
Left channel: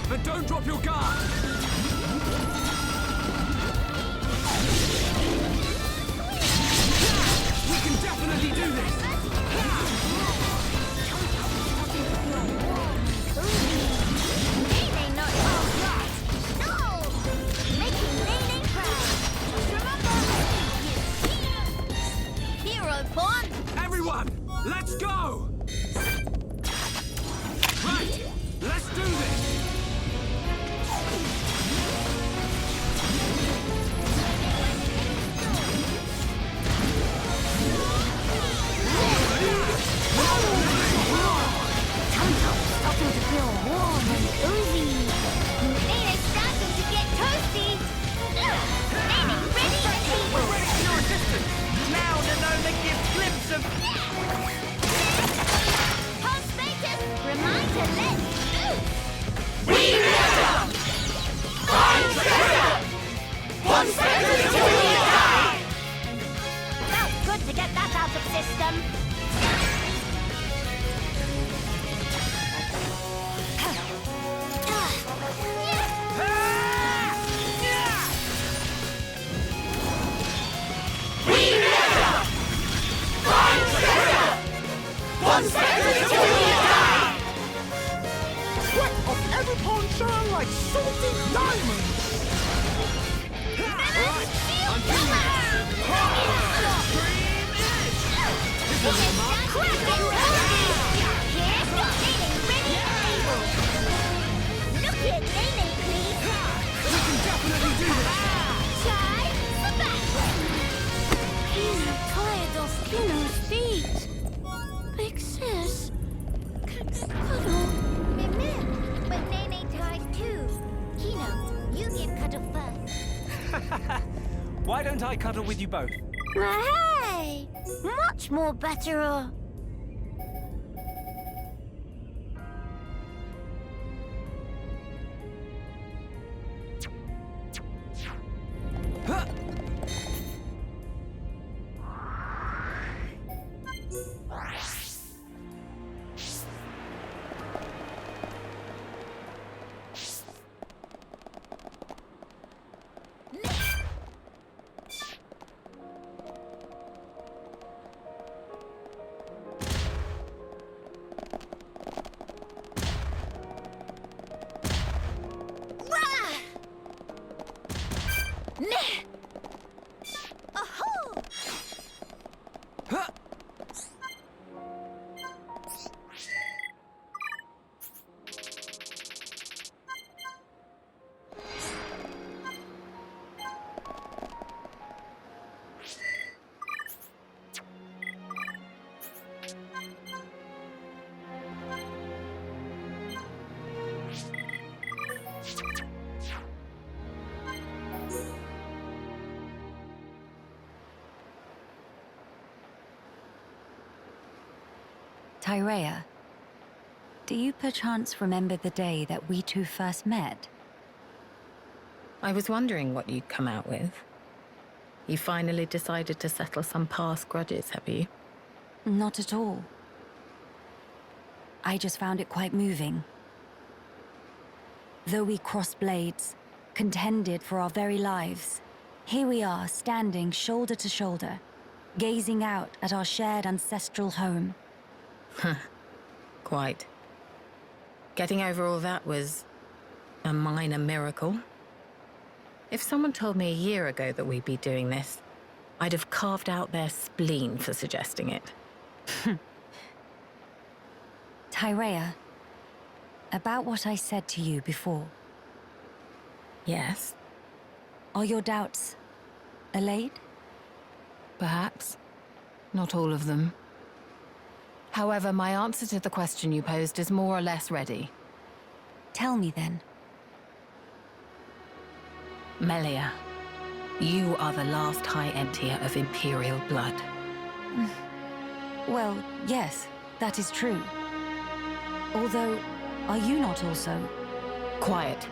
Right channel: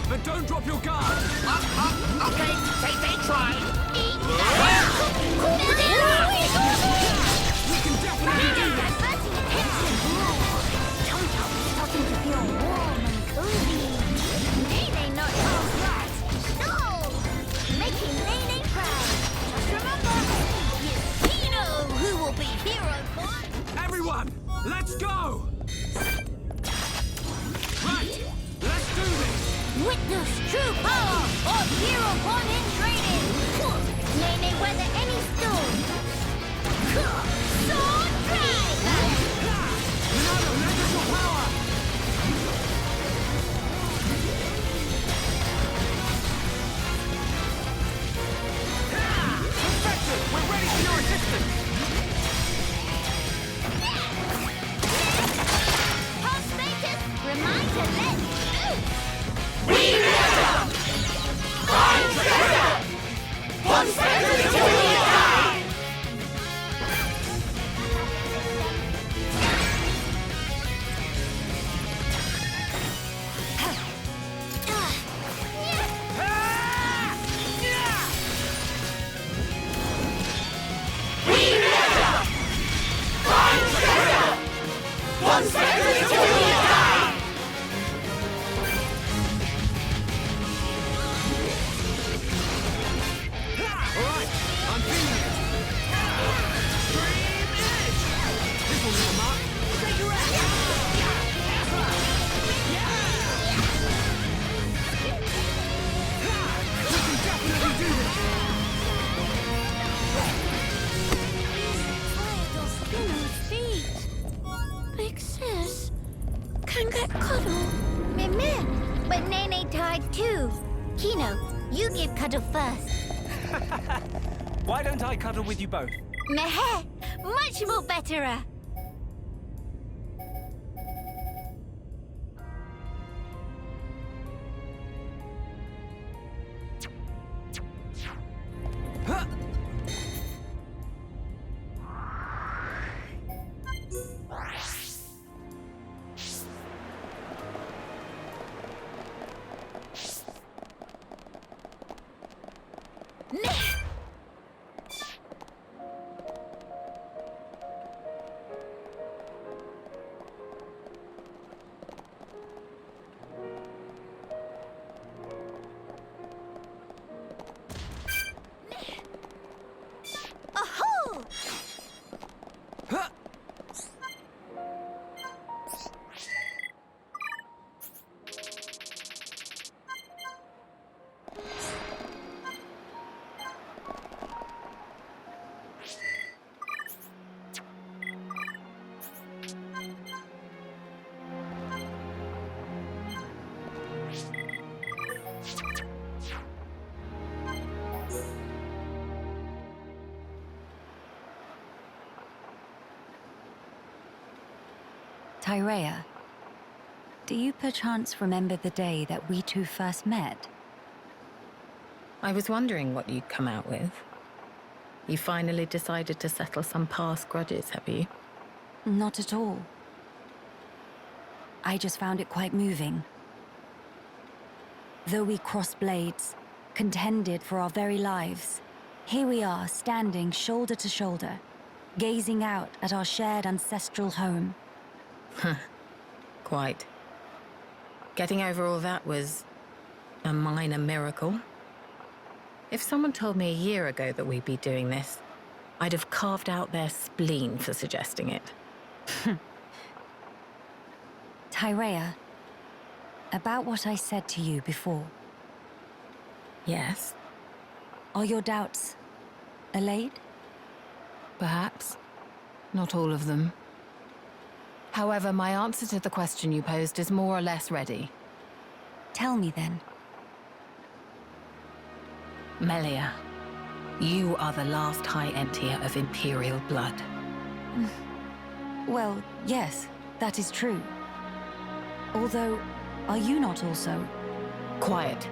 but don't drop your guard. We can definitely do this. Everyone, let's go! Right, let's do this! Witness true power of hero born in training. May they weather any storm. Sword drive! Now the magical power! Starting to feel warm and oozy. May it's starting to get toasty. Perfection! We're ready for your assistance! Now we're learning the eclipse of... Pulse status, remind to let loose. Felt good to get that out of the system. Alright, I'm feeling it! Extreme edge! This will warm up! We can definitely do this! Tired of Spinner's feet. Big sis can get cuddle. Meh, but Nene tired too. Kino, you give cuddle first. Why don't I cuddle with you both? Much more better. Much more better. Tyrea, do you perchance remember the day that we two first met? I was wondering what you'd come out with. You finally decided to settle some past grudges, have you? Not at all. I just found it quite moving. Though we crossed blades, contended for our very lives, Here we are, standing shoulder to shoulder, gazing out at our shared ancestral home. Quite. Getting over all that was a minor miracle. If someone told me a year ago that we'd be doing this, I'd have carved out their spleen for suggesting it. Tyrea, about what I said to you before, Yes, are your doubts allayed? Perhaps. Not all of them. However, my answer to the question you posed is more or less ready. Tell me then. Melia, you are the last High Emptier of Imperial blood. Well, yes, that is true. Although, are you not also? Quiet.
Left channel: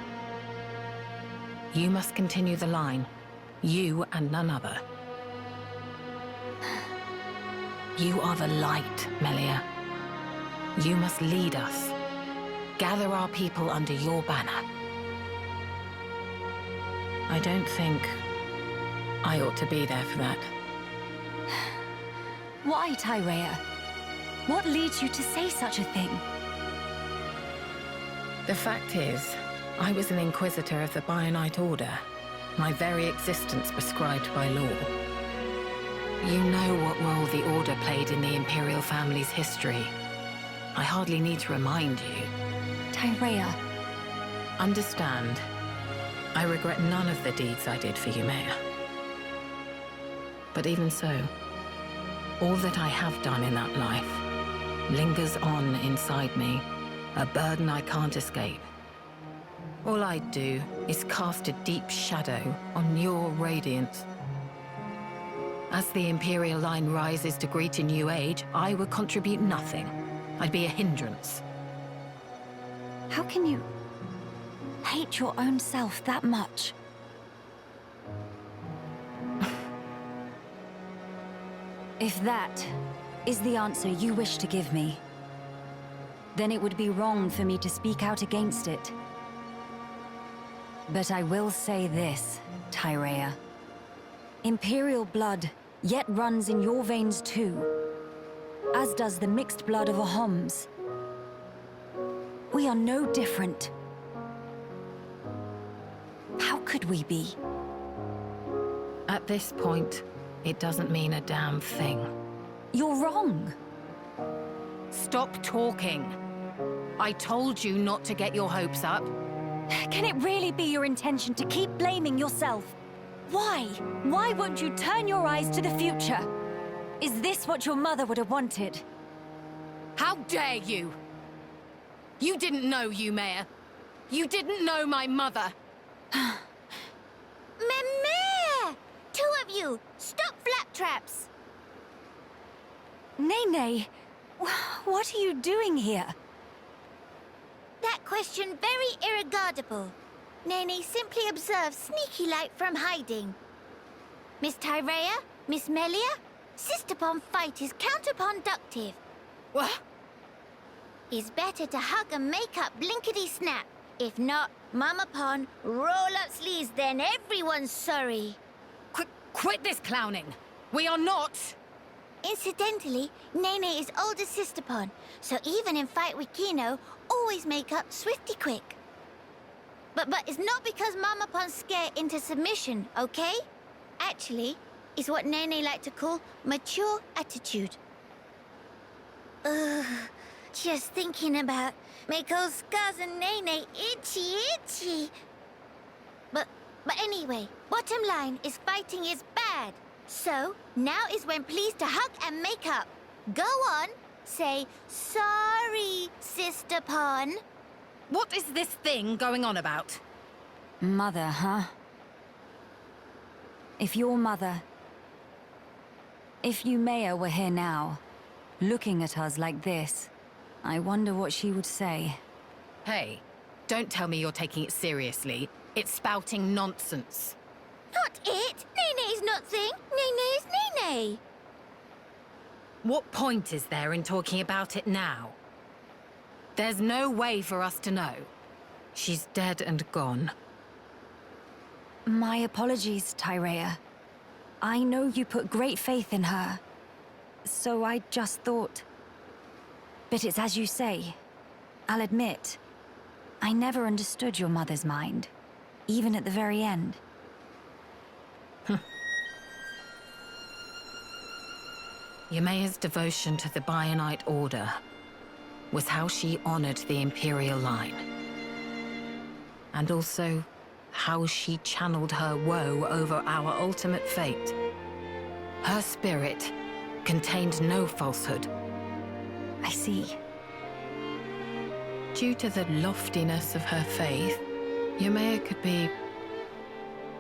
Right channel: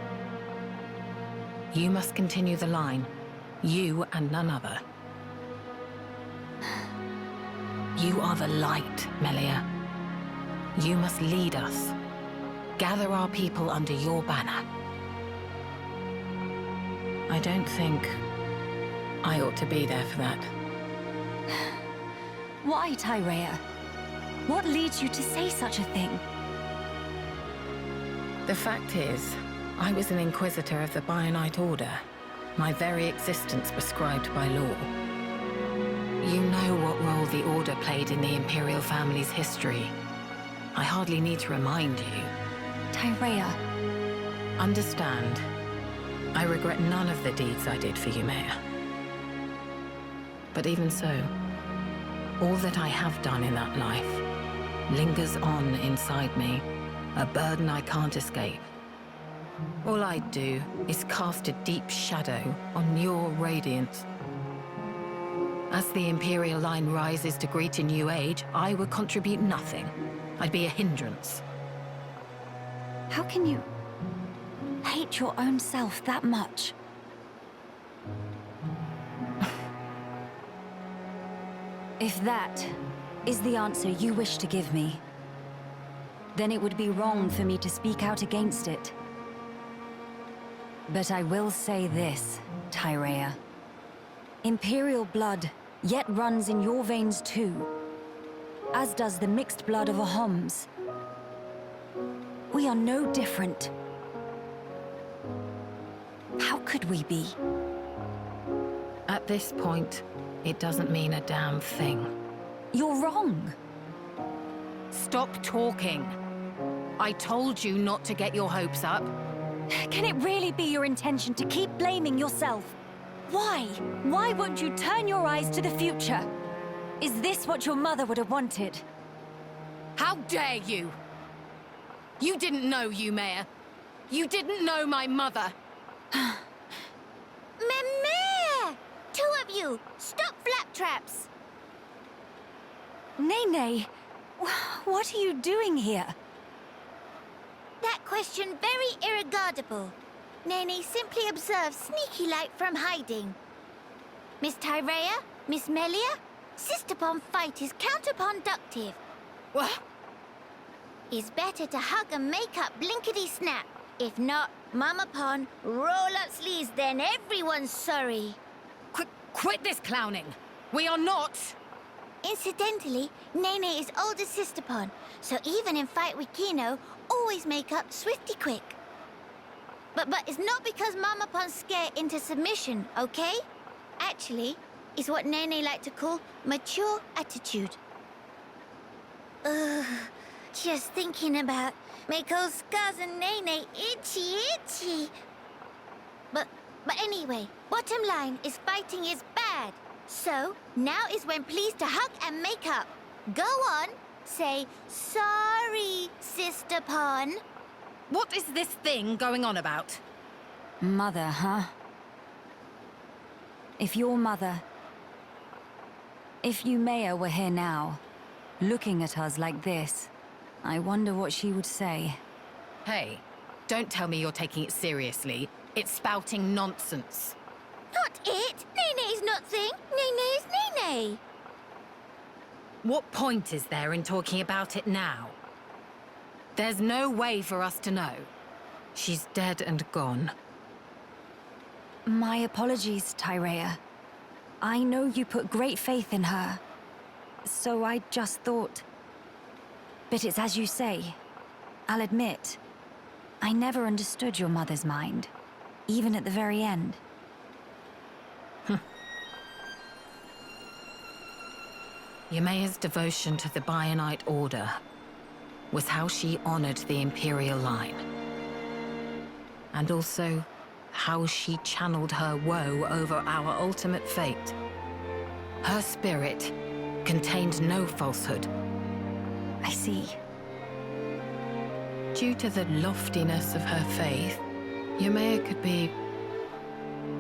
You must continue the line. You and none other. You are the light, Melia. You must lead us. Gather our people under your banner. I don't think I ought to be there for that. Why, Tyrea? What leads you to say such a thing? The fact is, I was an Inquisitor of the Bionite Order, my very existence prescribed by law. You know what role the Order played in the Imperial family's history. I hardly need to remind you. Tyrea, Understand, I regret none of the deeds I did for you, Maya. But even so, all that I have done in that life lingers on inside me, a burden I can't escape. All I do is cast a deep shadow on your radiance. As the Imperial line rises to greet a new age, I would contribute nothing. I'd be a hindrance. how can you hate your own self that much? If that is the answer you wish to give me, then it would be wrong for me to speak out against it. But I will say this, Tyrea. Imperial blood yet runs in your veins too, as does the mixed blood of Ahoms. We are no different. How could we be? At this point, it doesn't mean a damn thing. You're wrong. Stop talking. I told you not to get your hopes up. Can it really be your intention to keep blaming yourself? Why? Why won't you turn your eyes to the future? Is this what your mother would have wanted? How dare you? You didn't know Mayor. You didn't know my mother. Meh! Two of you, stop flaptraps! Nene, what are you doing here? That question very irregardable. Nene simply observes sneaky-like from hiding. Miss Tyrea, Miss Melia, Sister-Pon fight is counterproductive. What? It's better to hug and make up blinkety-snap. If not, Mama Pon, roll up sleeves, then everyone's sorry. Quit this clowning. We are not. Incidentally, Nene is older Sister-Pon, so even in fight with Kino, always make up swifty quick. But it's not because Mama Pon scare into submission, okay? Actually, it's what Nene like to call mature attitude. Ugh, just thinking about make old scars and Nene itchy. But anyway, bottom line is fighting is bad. So, now is when pleased to hug and make up. Go on, say, sorry, Sister-Pon. What is this thing going on about? Mother, huh? If your mother... If Yumea were here now, looking at us like this, I wonder what she would say. Hey, don't tell me you're taking it seriously. It's spouting nonsense. Not it! Nene's nothing! Nene's Nene! What point is there in talking about it now? There's no way for us to know. She's dead and gone. My apologies, Tyrea. I know you put great faith in her, so I just thought... But it's as you say. I'll admit, I never understood your mother's mind, even at the very end. Yumea's devotion to the Bionite Order was how she honored the Imperial line. And also, how she channeled her woe over our ultimate fate. Her spirit contained no falsehood. I see. Due to the loftiness of her faith, Yumea could be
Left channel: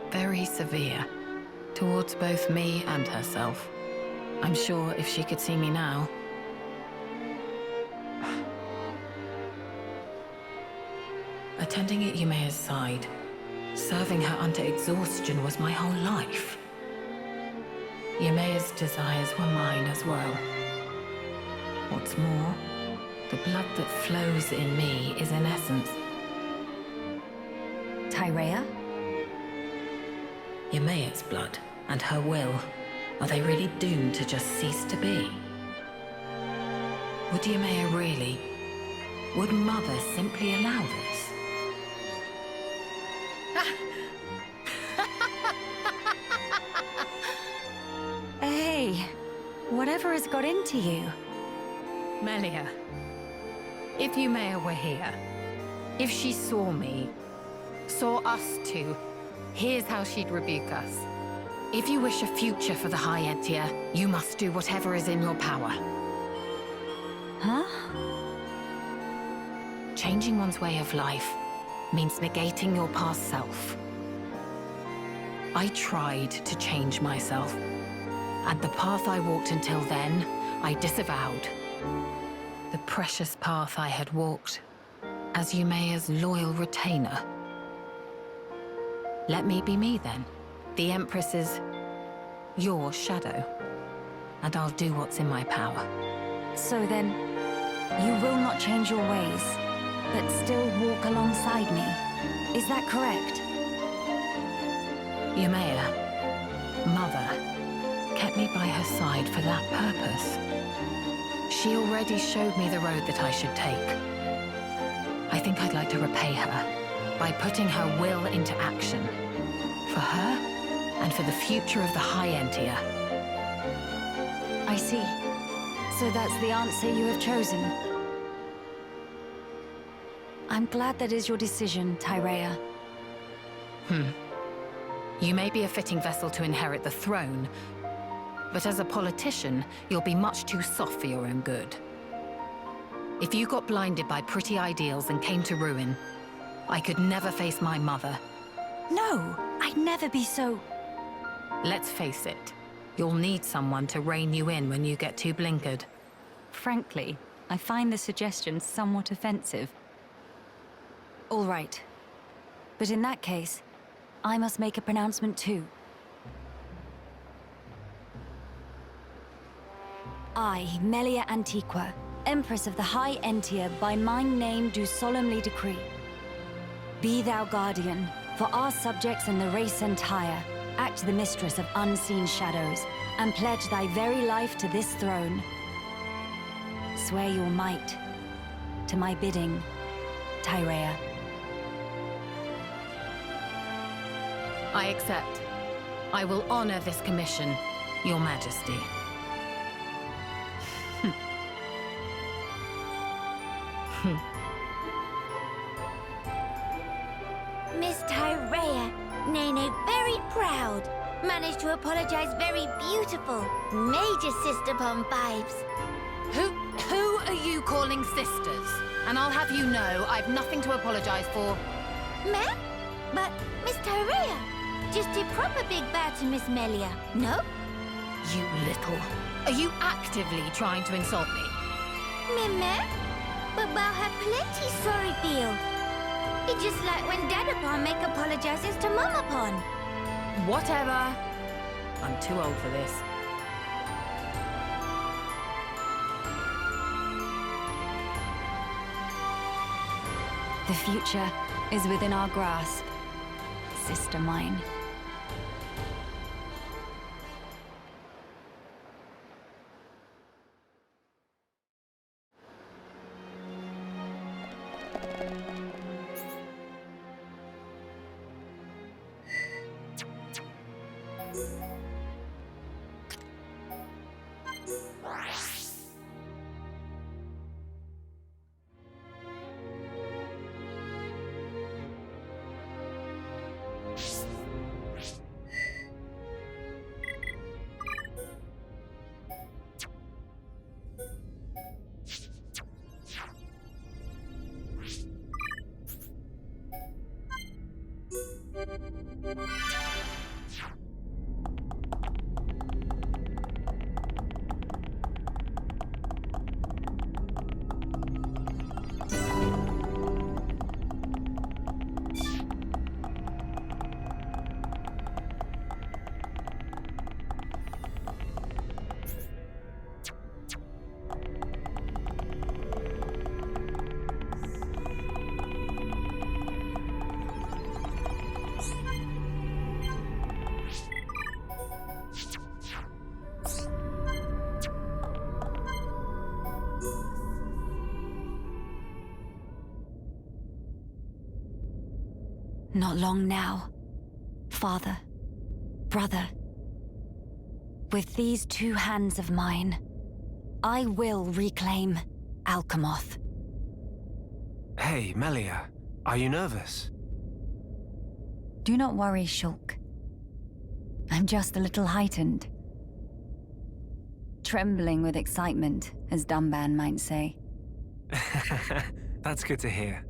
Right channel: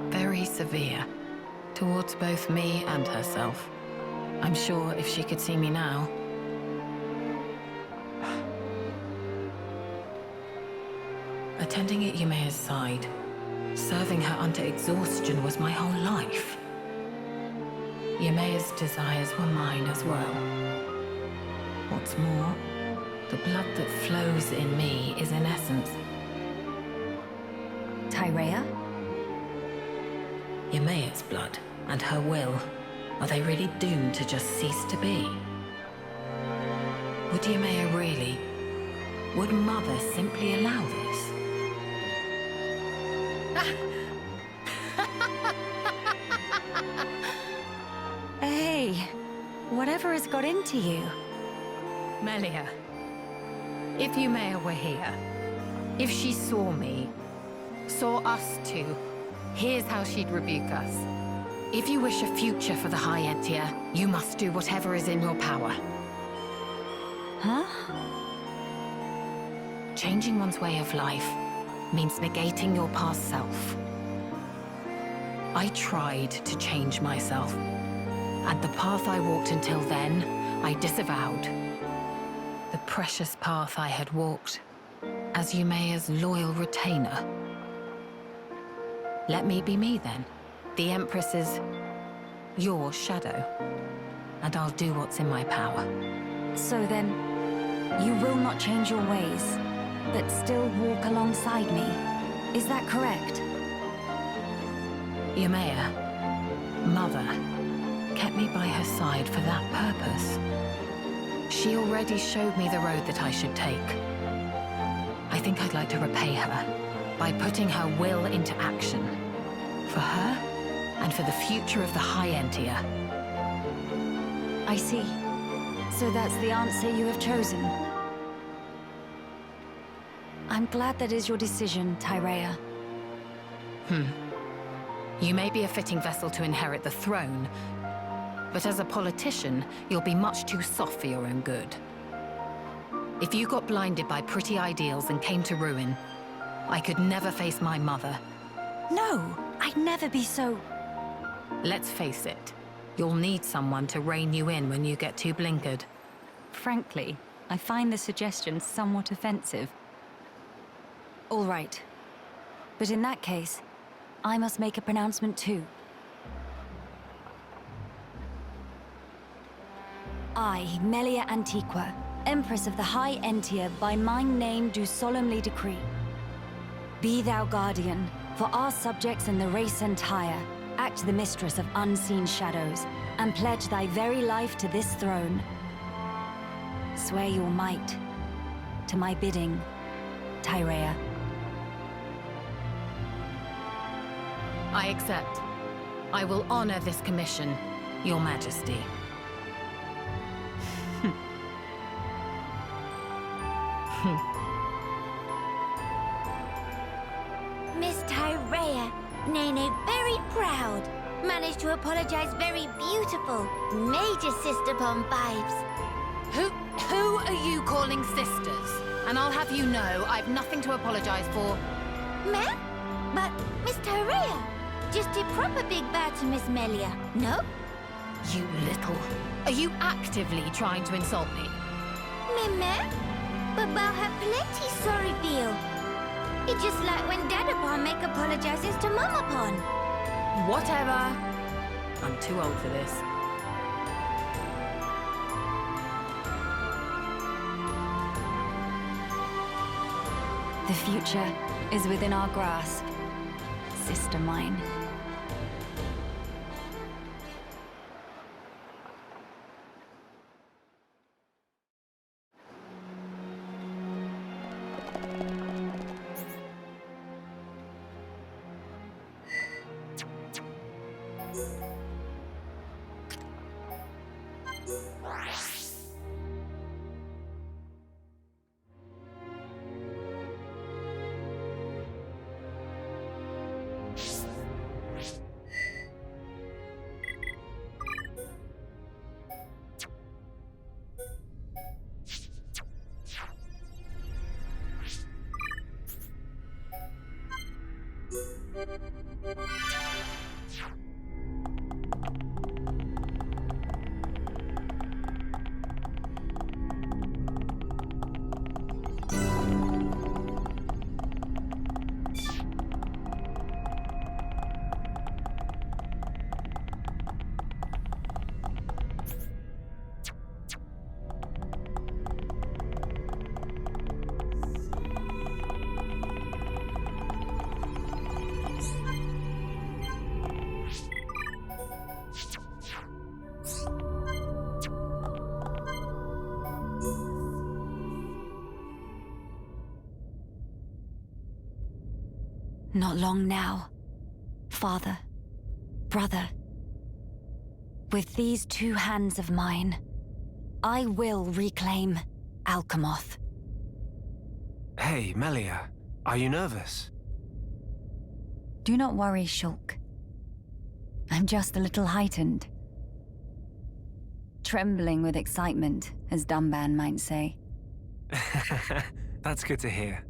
very severe towards both me and herself. I'm sure if she could see me now... Attending at Yumea's side, serving her unto exhaustion was my whole life. Yumea's desires were mine as well. What's more, the blood that flows in me is in essence Tyrea? Yumea's blood and her will. Are they really doomed to just cease to be? Would Yumea really? Would Mother simply allow this? Hey, whatever has got into you? Melia, if Yumea were here, if she saw me, saw us two, here's how she'd rebuke us. If you wish a future for the High Entia, you must do whatever is in your power. Huh? Changing one's way of life means negating your past self. I tried to change myself, and the path I walked until then, I disavowed. The precious path I had walked as Yumea's loyal retainer. Let me be me then. The Empress's your shadow, and I'll do what's in my power. So then, you will not change your ways, but still walk alongside me. Is that correct? Yumea, Mother, kept me by her side for that purpose. She already showed me the road that I should take. I think I'd like to repay her by putting her will into action. For her, and for the future of the High Entia. I see. So that's the answer you have chosen. I'm glad that is your decision, Tyrea. You may be a fitting vessel to inherit the throne, but as a politician, you'll be much too soft for your own good. If you got blinded by pretty ideals and came to ruin, I could never face my mother. No, I'd never be so... Let's face it, you'll need someone to rein you in when you get too blinkered. Frankly, I find the suggestion somewhat offensive. All right. But in that case, I must make a pronouncement too. I, Melia Antiqua, Empress of the High Entia, by my name do solemnly decree. Be thou guardian, for our subjects and the race entire. Act the mistress of unseen shadows, and pledge thy very life to this throne. Swear your might, to my bidding, Tyrea. I accept. I will honor this commission, Your Majesty. Miss Tyrea, Nene very proud. Managed to apologize very beautiful. Major sister bomb vibes. Who are you calling sisters? And I'll have you know, I've nothing to apologize for. Ma'am? But Miss Tyrea, just a proper big bow to Miss Melia, no? You little... Are you actively trying to insult me? Ma'am? But bow have plenty sorry feel. It's just like when Dadapon make apologizes to Mamapon. Whatever. I'm too old for this. The future is within our grasp. sister mine. Not long now, father, brother. With these two hands of mine, I will reclaim Alchemoth. Hey, Melia, are you nervous? Do not worry, Shulk. I'm just a little heightened. Trembling with excitement, as Dumban might say. That's good to hear.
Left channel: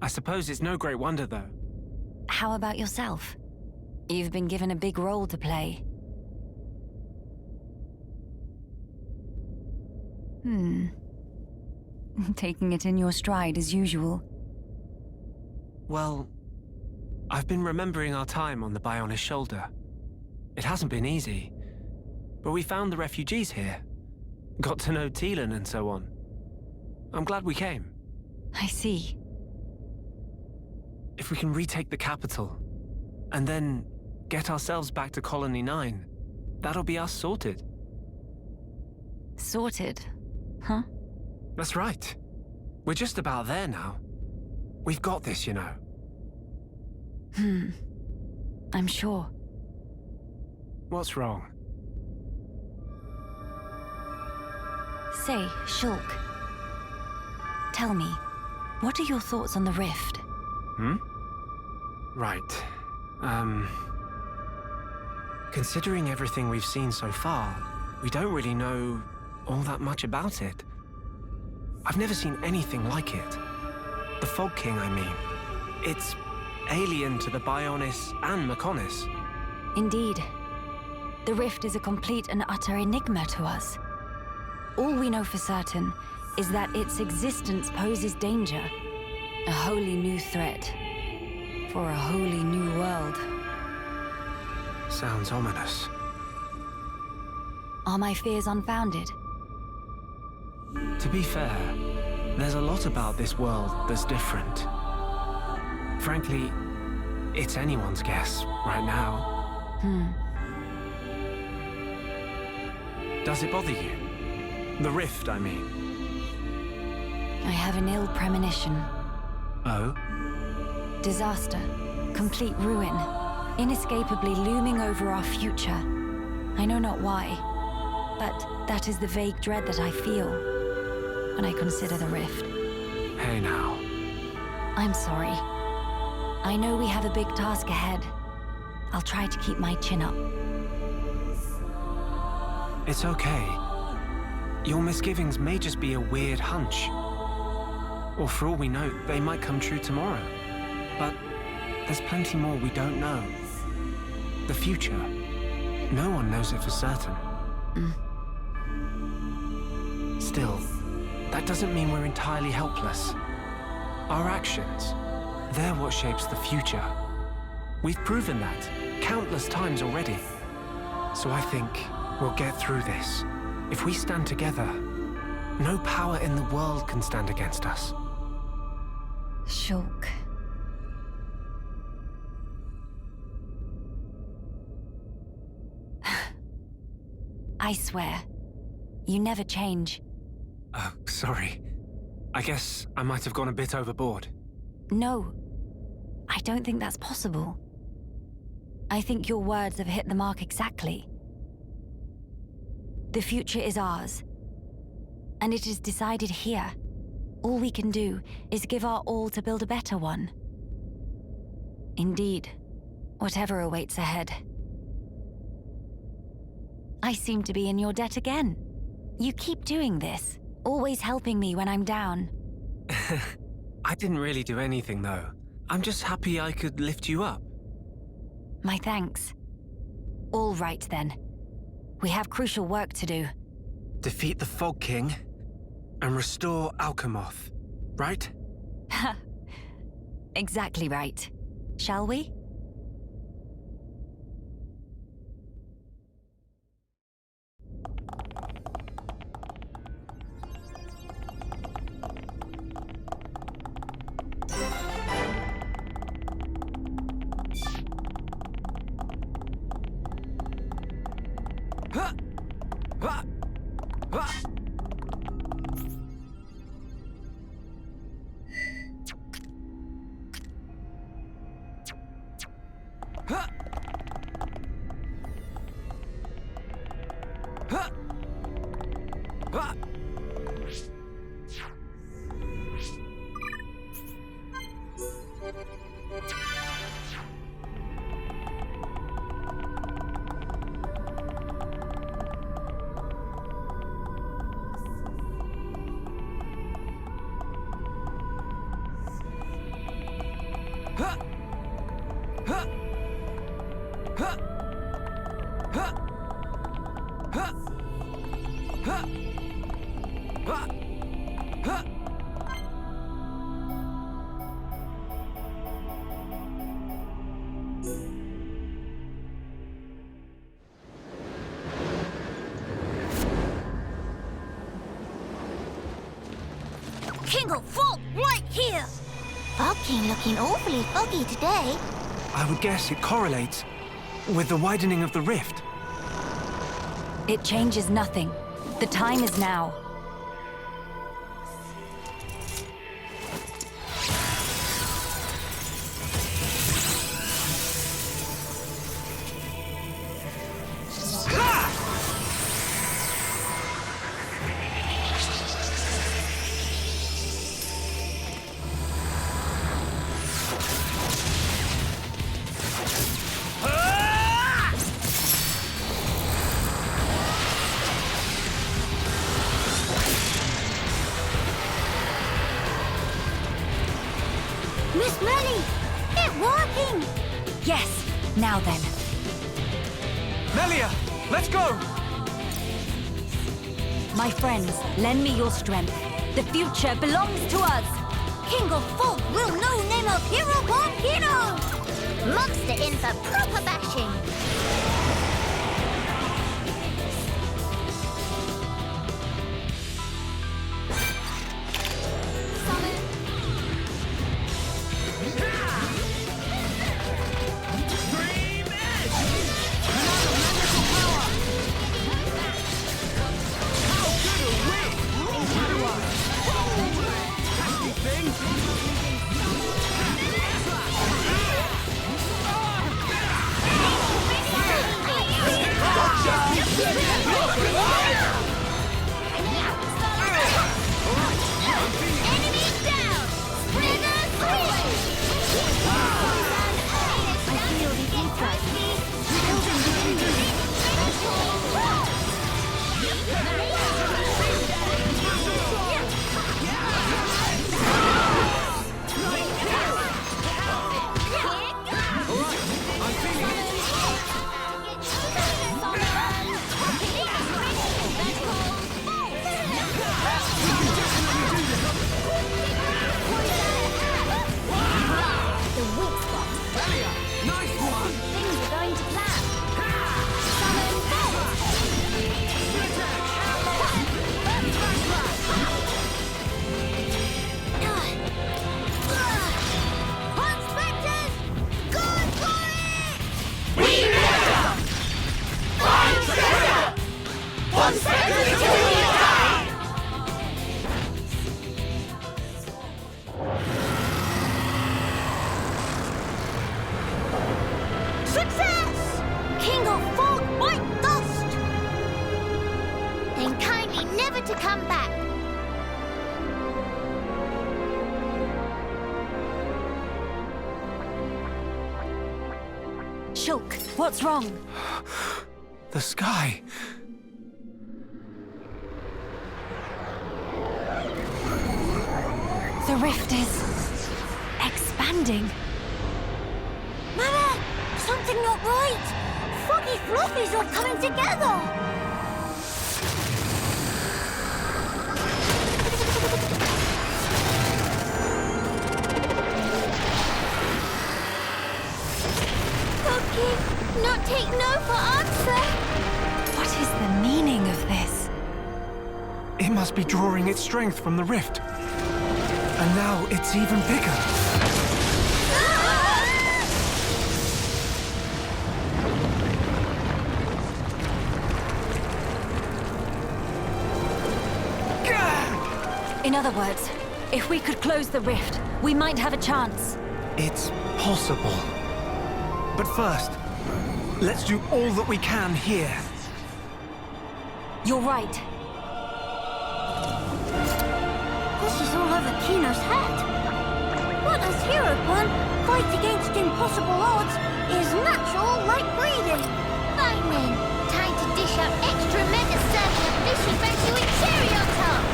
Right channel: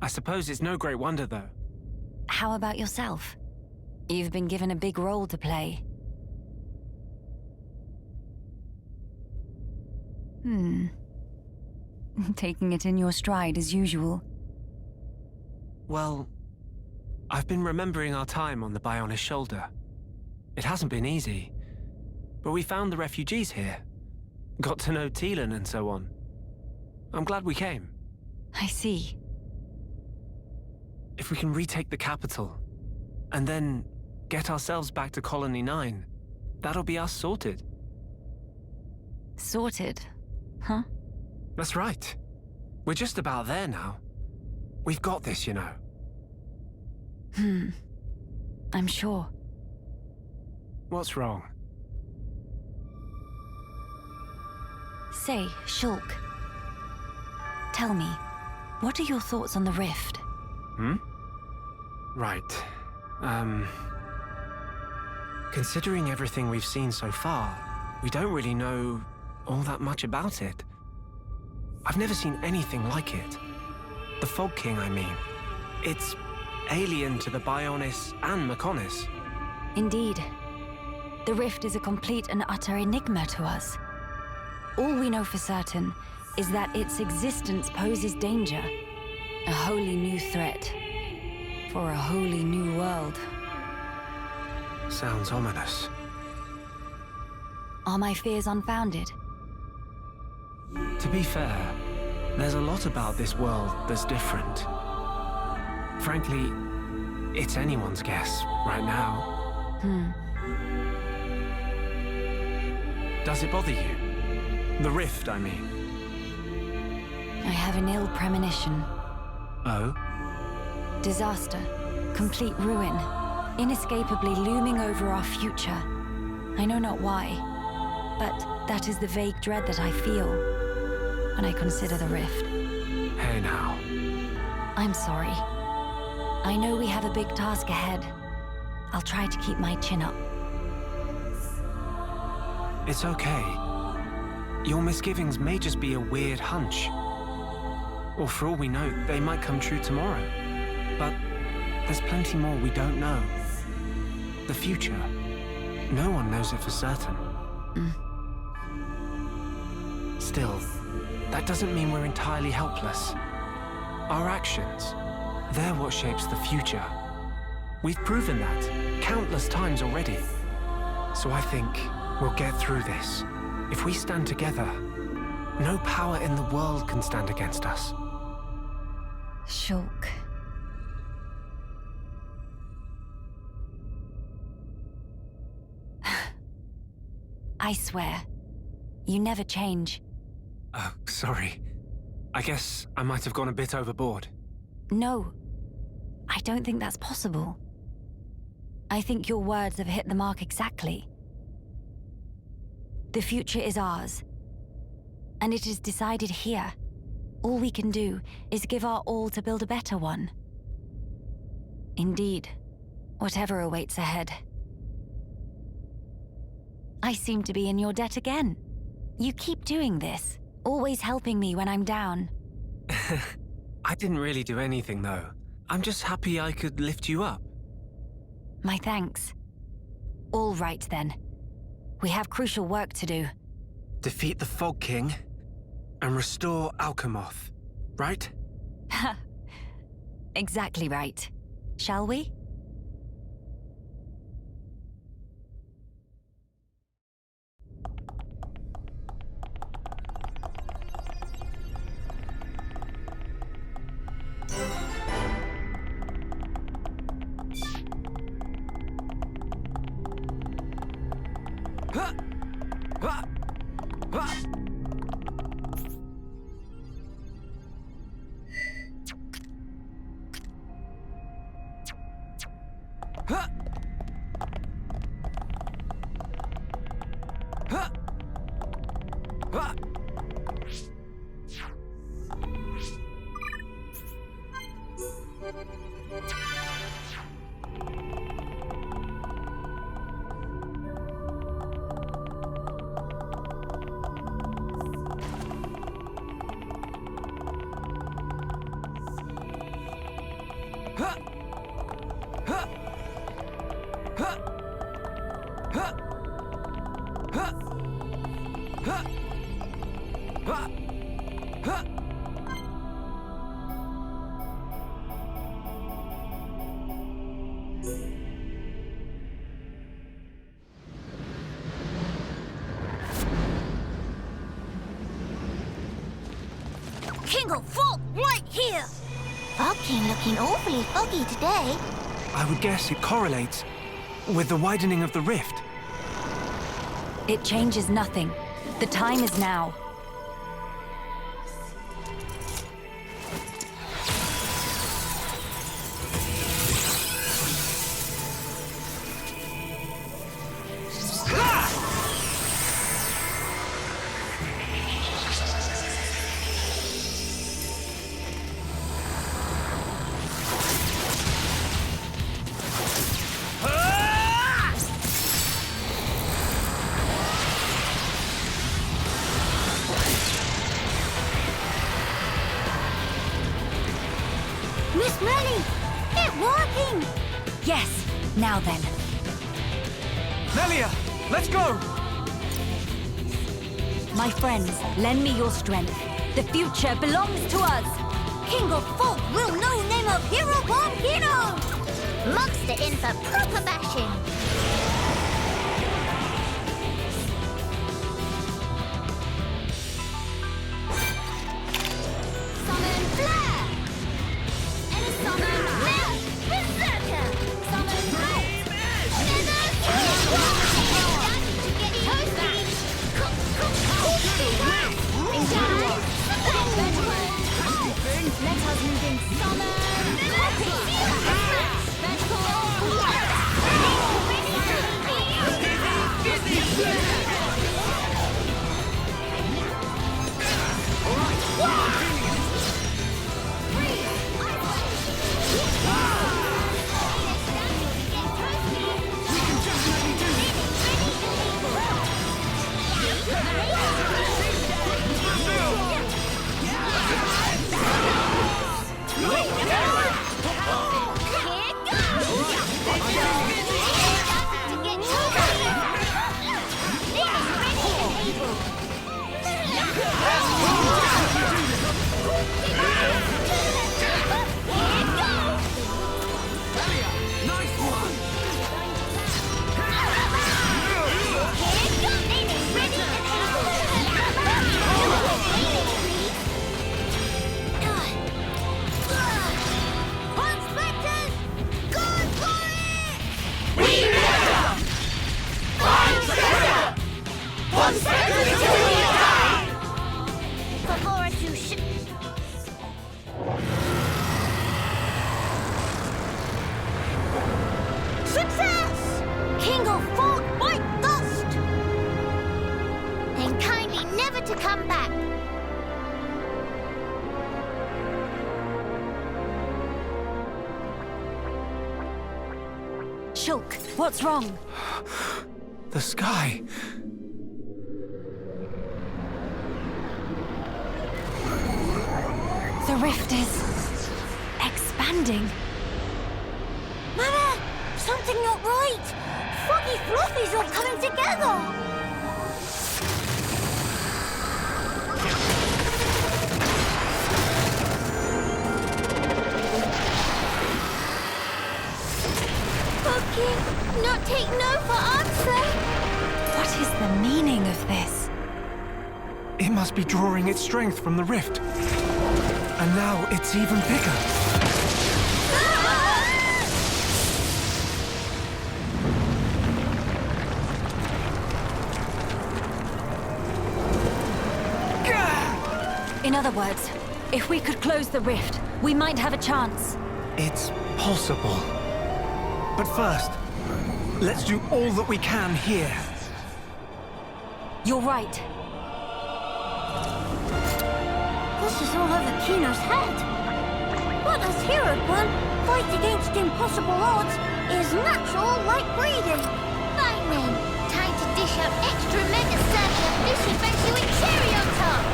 I suppose it's no great wonder, though. How about yourself? You've been given a big role to play. Taking it in your stride as usual. Well, I've been remembering our time on the Bionis shoulder. It hasn't been easy, but we found the refugees here. Got to know Teelan and so on. I'm glad we came. I see. If we can retake the capital, and then get ourselves back to Colony 9, that'll be us sorted. Sorted? Huh? That's right. We're just about there now. We've got this, you know. I'm sure. What's wrong? Say, Shulk. Tell me, what are your thoughts on the rift? Right. Considering everything we've seen so far, we don't really know all that much about it. I've never seen anything like it. The Fog King, I mean. It's alien to the Bionis and Mechonis. Indeed. The rift is a complete and utter enigma to us. All we know for certain is that its existence poses danger. A wholly new threat. For a wholly new world. Sounds ominous. Are my fears unfounded? To be fair, there's a lot about this world that's different. Frankly, it's anyone's guess right now. Does it bother you? The rift, I mean. I have an ill premonition. Oh? Disaster. Complete ruin. Inescapably looming over our future. I know not why, but that is the vague dread that I feel when I consider the rift. Hey now. I'm sorry. I know we have a big task ahead. I'll try to keep my chin up. It's okay. Your misgivings may just be a weird hunch. Or for all we know, they might come true tomorrow. But there's plenty more we don't know. The future. No one knows it for certain. Still, that doesn't mean we're entirely helpless. Our actions, they're what shapes the future. We've proven that countless times already. So I think we'll get through this. If we stand together, no power in the world can stand against us. Shulk. I swear. You never change. Oh, sorry. I guess I might have gone a bit overboard. No, I don't think that's possible. I think your words have hit the mark exactly. The future is ours, and it is decided here. All we can do is give our all to build a better one. Indeed, whatever awaits ahead. I seem to be in your debt again. You keep doing this, always helping me when I'm down. I didn't really do anything, though. I'm just happy I could lift you up. My thanks. All right, then. We have crucial work to do. Defeat the Fog King and restore Alchemoth, right? Exactly right. Shall we? King of Fog, right here! Fog King looking awfully foggy today. I would guess it correlates with the widening of the rift. It changes nothing. The time is now. Miss Melly, it's working! Yes, now then. Melia, let's go! My friends, lend me your strength. The future belongs to us. King of Fog will no name of hero Volcano! Monster in for proper bashing. Summon Flare! Berserker! Dream Edge! Summon! to come back. Shulk, what's wrong? The sky. The rift is expanding. Mama, something not right. Foggy Fluffies all coming together. Foggy, not take no for answer. What is the meaning of this? It must be drawing its strength from the rift. And now it's even bigger. In other words, if we could close the rift, we might have a chance. It's possible. But first, let's do all that we can here. You're right. This is all over Kino's head. But as Hero Pun, fight against impossible odds is natural like breathing. Fine then, time to dish out extra mega circle of fishy fancy with cherry on top.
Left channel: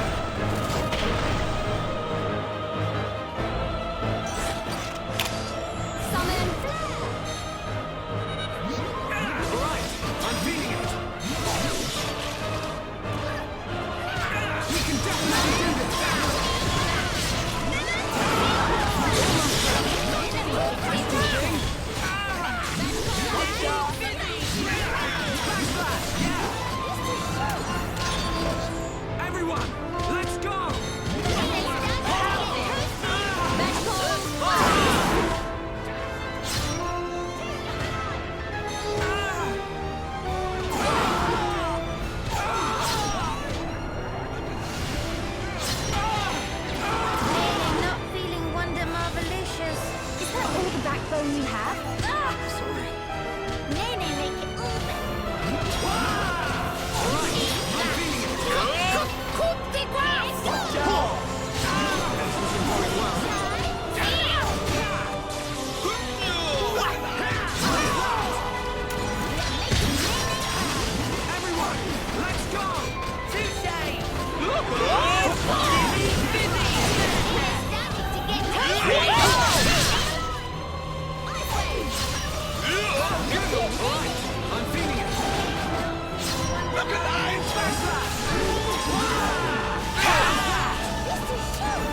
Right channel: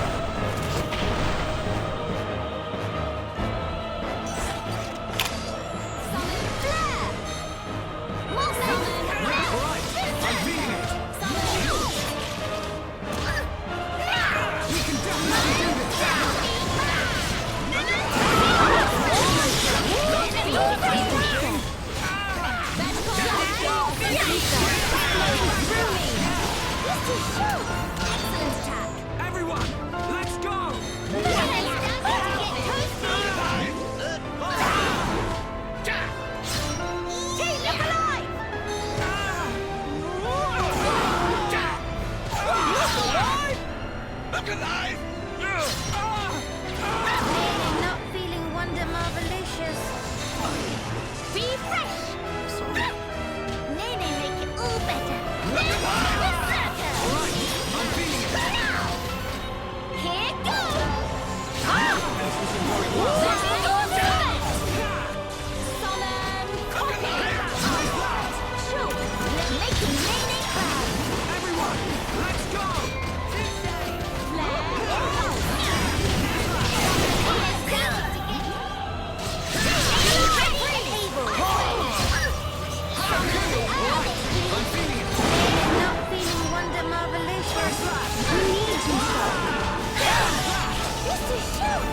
Summon Flare! Right, I'm feeling it. We can definitely do this. Everyone, let's go! Not feeling Wonder Marvelicious. Sorry. Nene make it all better. Alright, I'm feeling it. Here goes. This isn't going well. Everyone, let's go! Alright, I'm feeling it. Not feeling Wonder Marvelicious. Flash slash! This is shoot.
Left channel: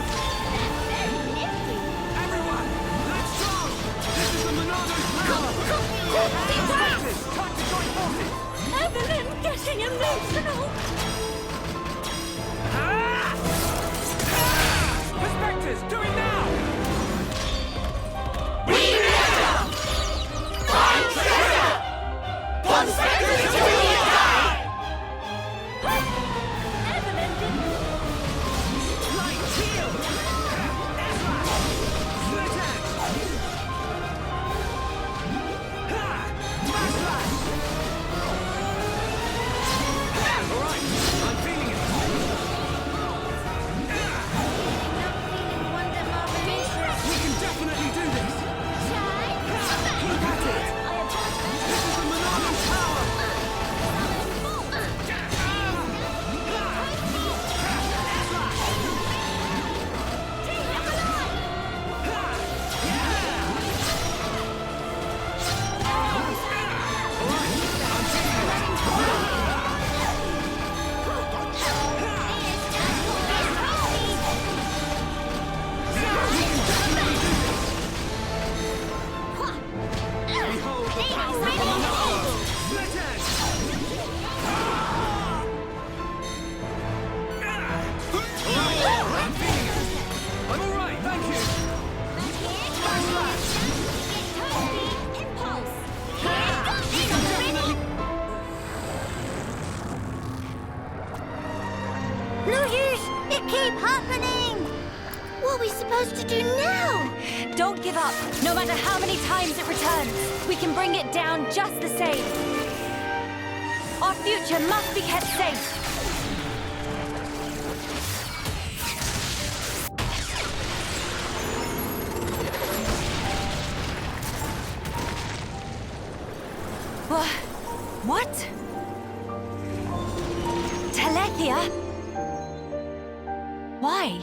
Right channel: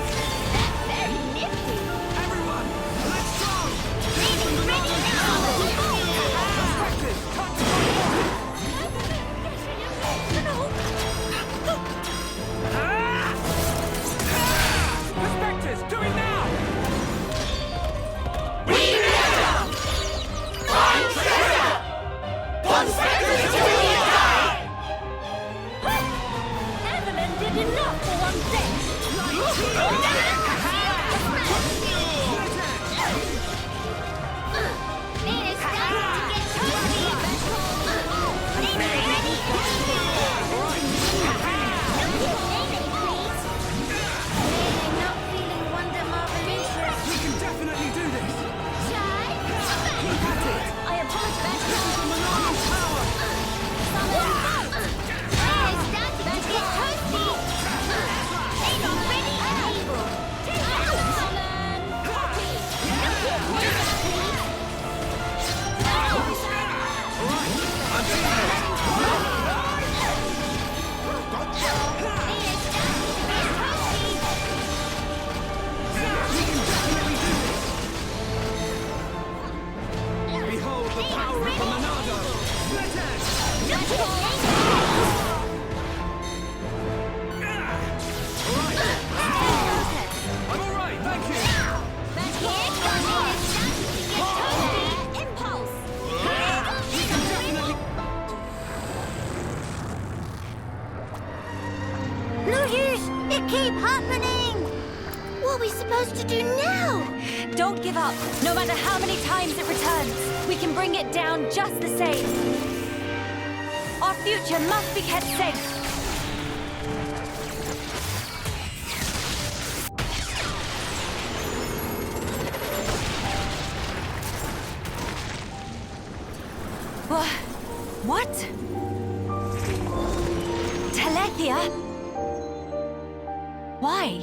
That's very nifty. Everyone, let's go! This is the Monado Tower! Perspective, tactical forces! Evelyn getting emotional. Perspectives, do it now! Evelyn did enough for one thing. Alright, I'm feeling it. Not feeling Wonder Marvelicious. We can definitely do this! Look at it! I apologize. This is the Monado Tower! Behold the power of the Monado! Split edge! I'm alright, thank you! No use! It keep happening! What are we supposed to do now? Don't give up, no matter how many times it returns. We can bring it down just the same. Our future must be kept safe. What? Telethia? Why?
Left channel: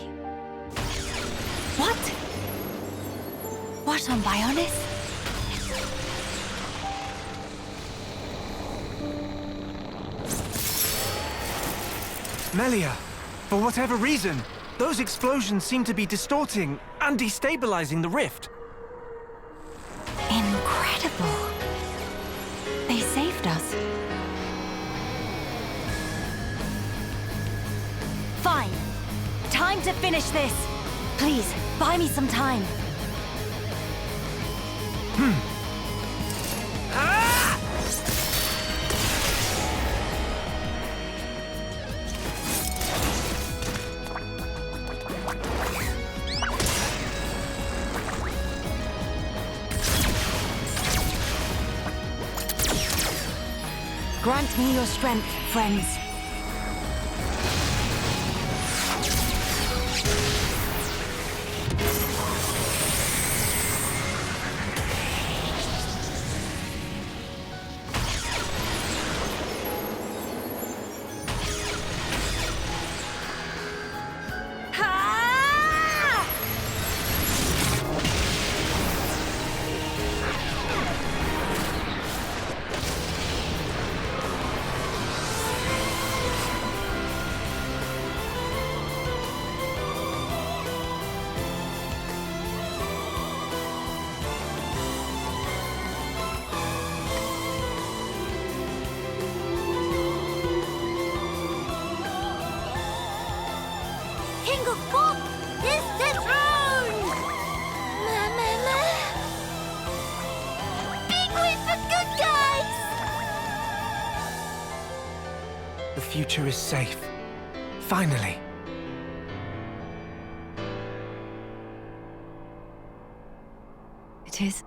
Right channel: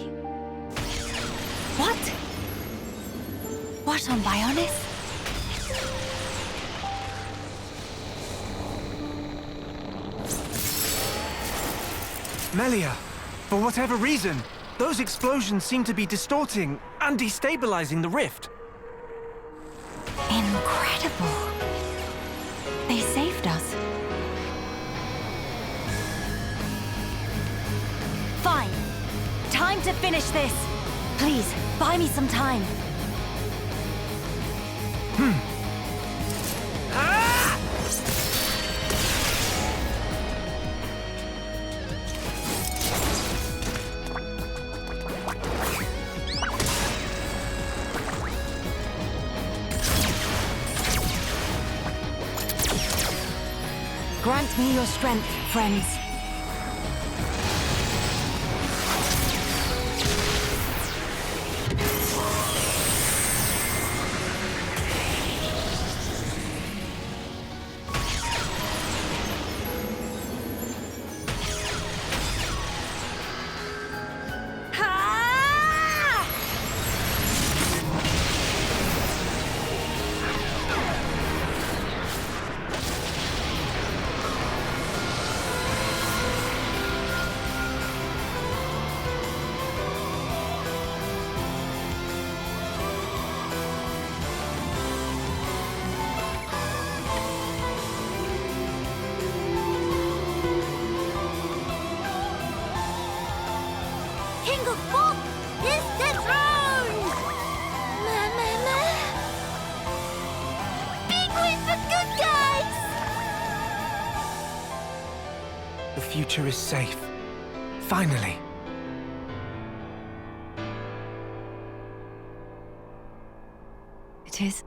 What? What on Bionis? Melia, for whatever reason, those explosions seem to be distorting and destabilizing the rift. Incredible. They saved us. Fine. Time to finish this. Please, buy me some time. Grant me your strength, friends. King of Fog is dethroned! Big win for good guys! The future is safe. Finally. It is.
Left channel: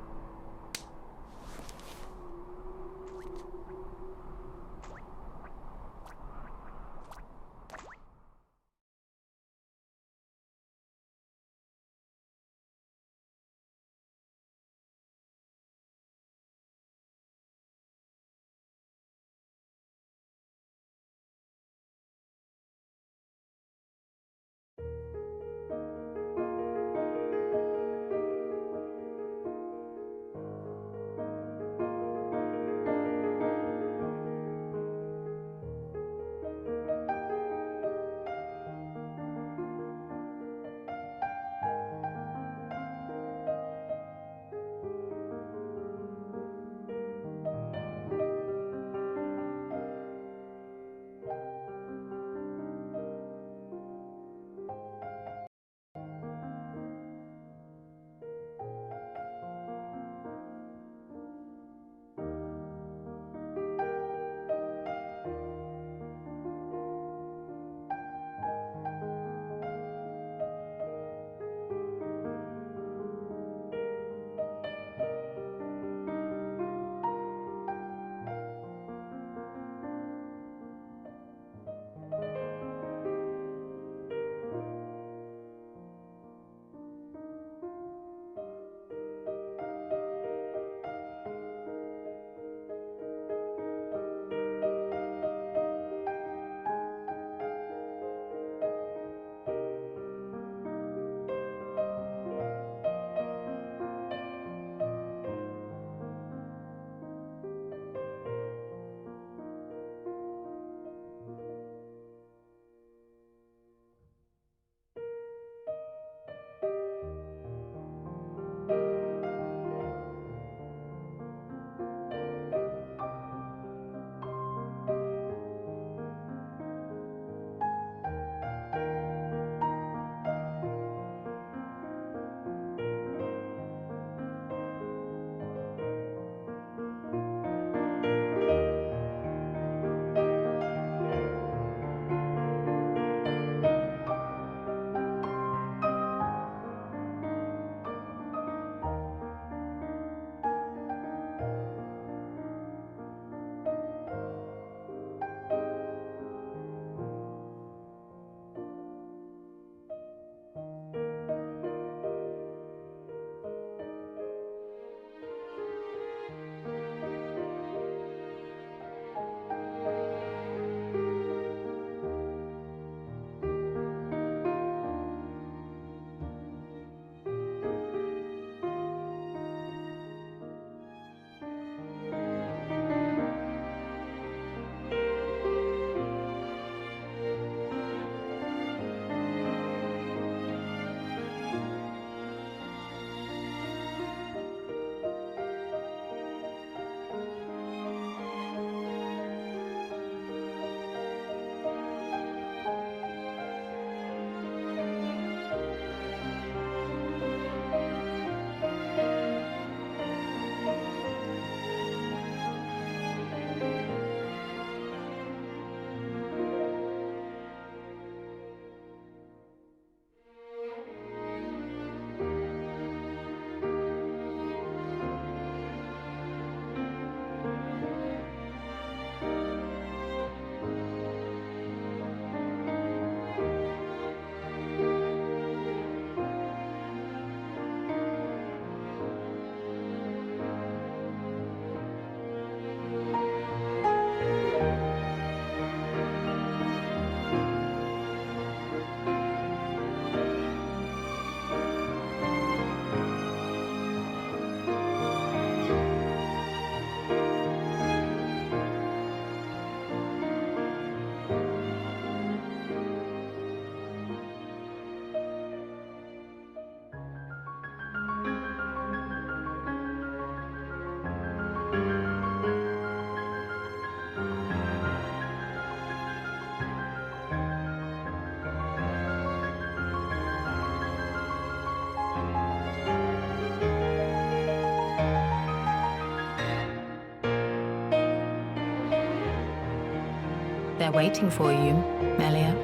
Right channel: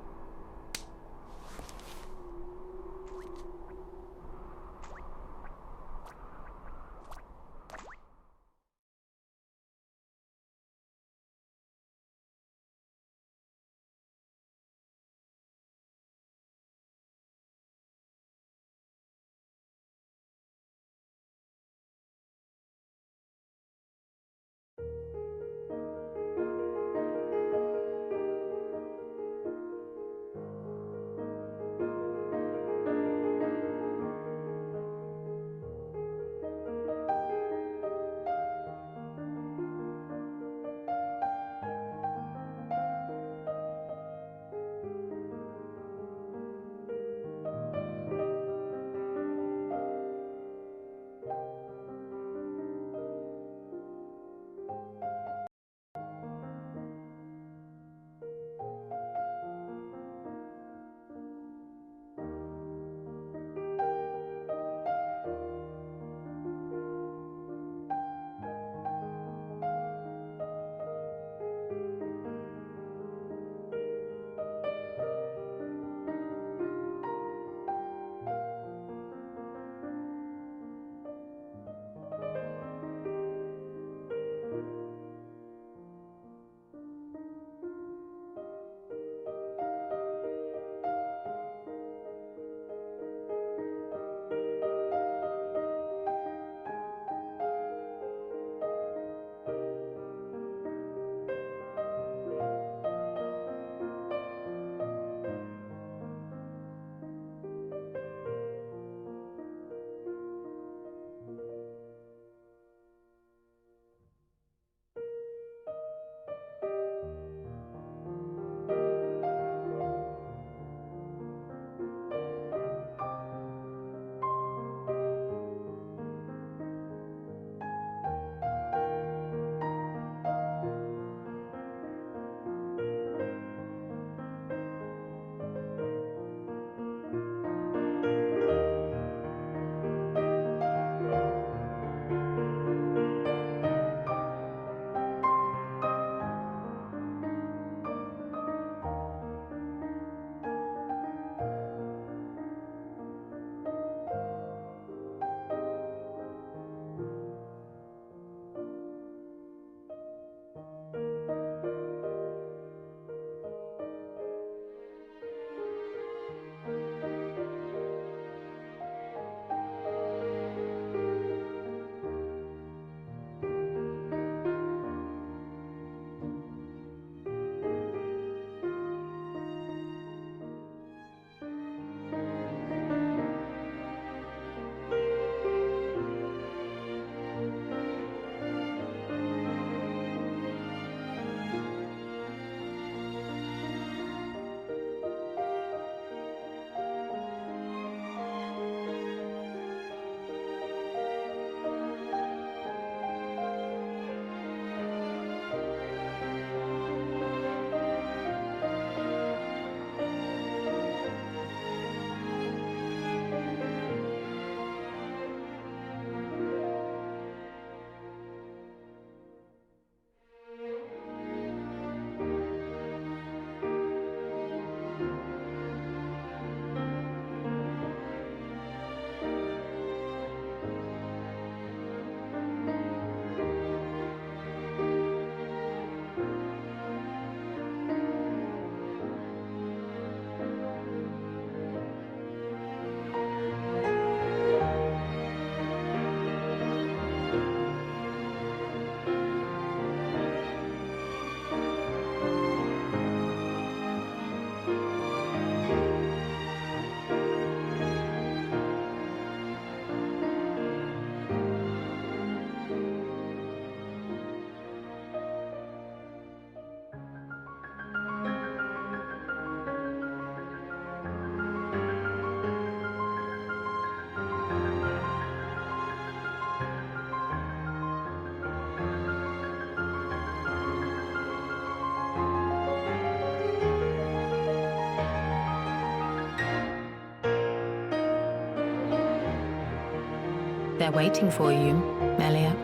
They're waiting for you, Melia.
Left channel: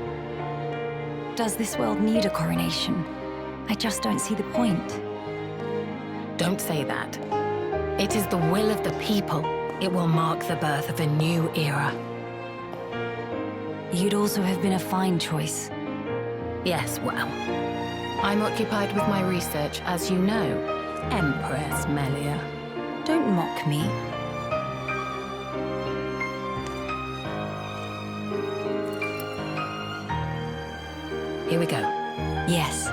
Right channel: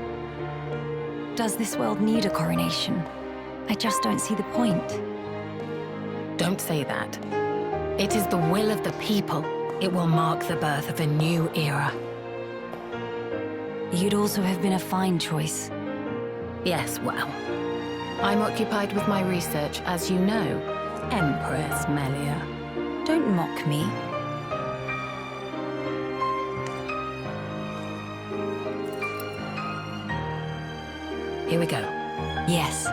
Does this world need a coronation? I just don't see the point. Don't say that. It is the will of the people. It will mark the birth of a new era. You'd also have been a fine choice. Yes, well. I'm occupied with my research, as you know, Empress Melia. Don't mock me. Here we go. Yes.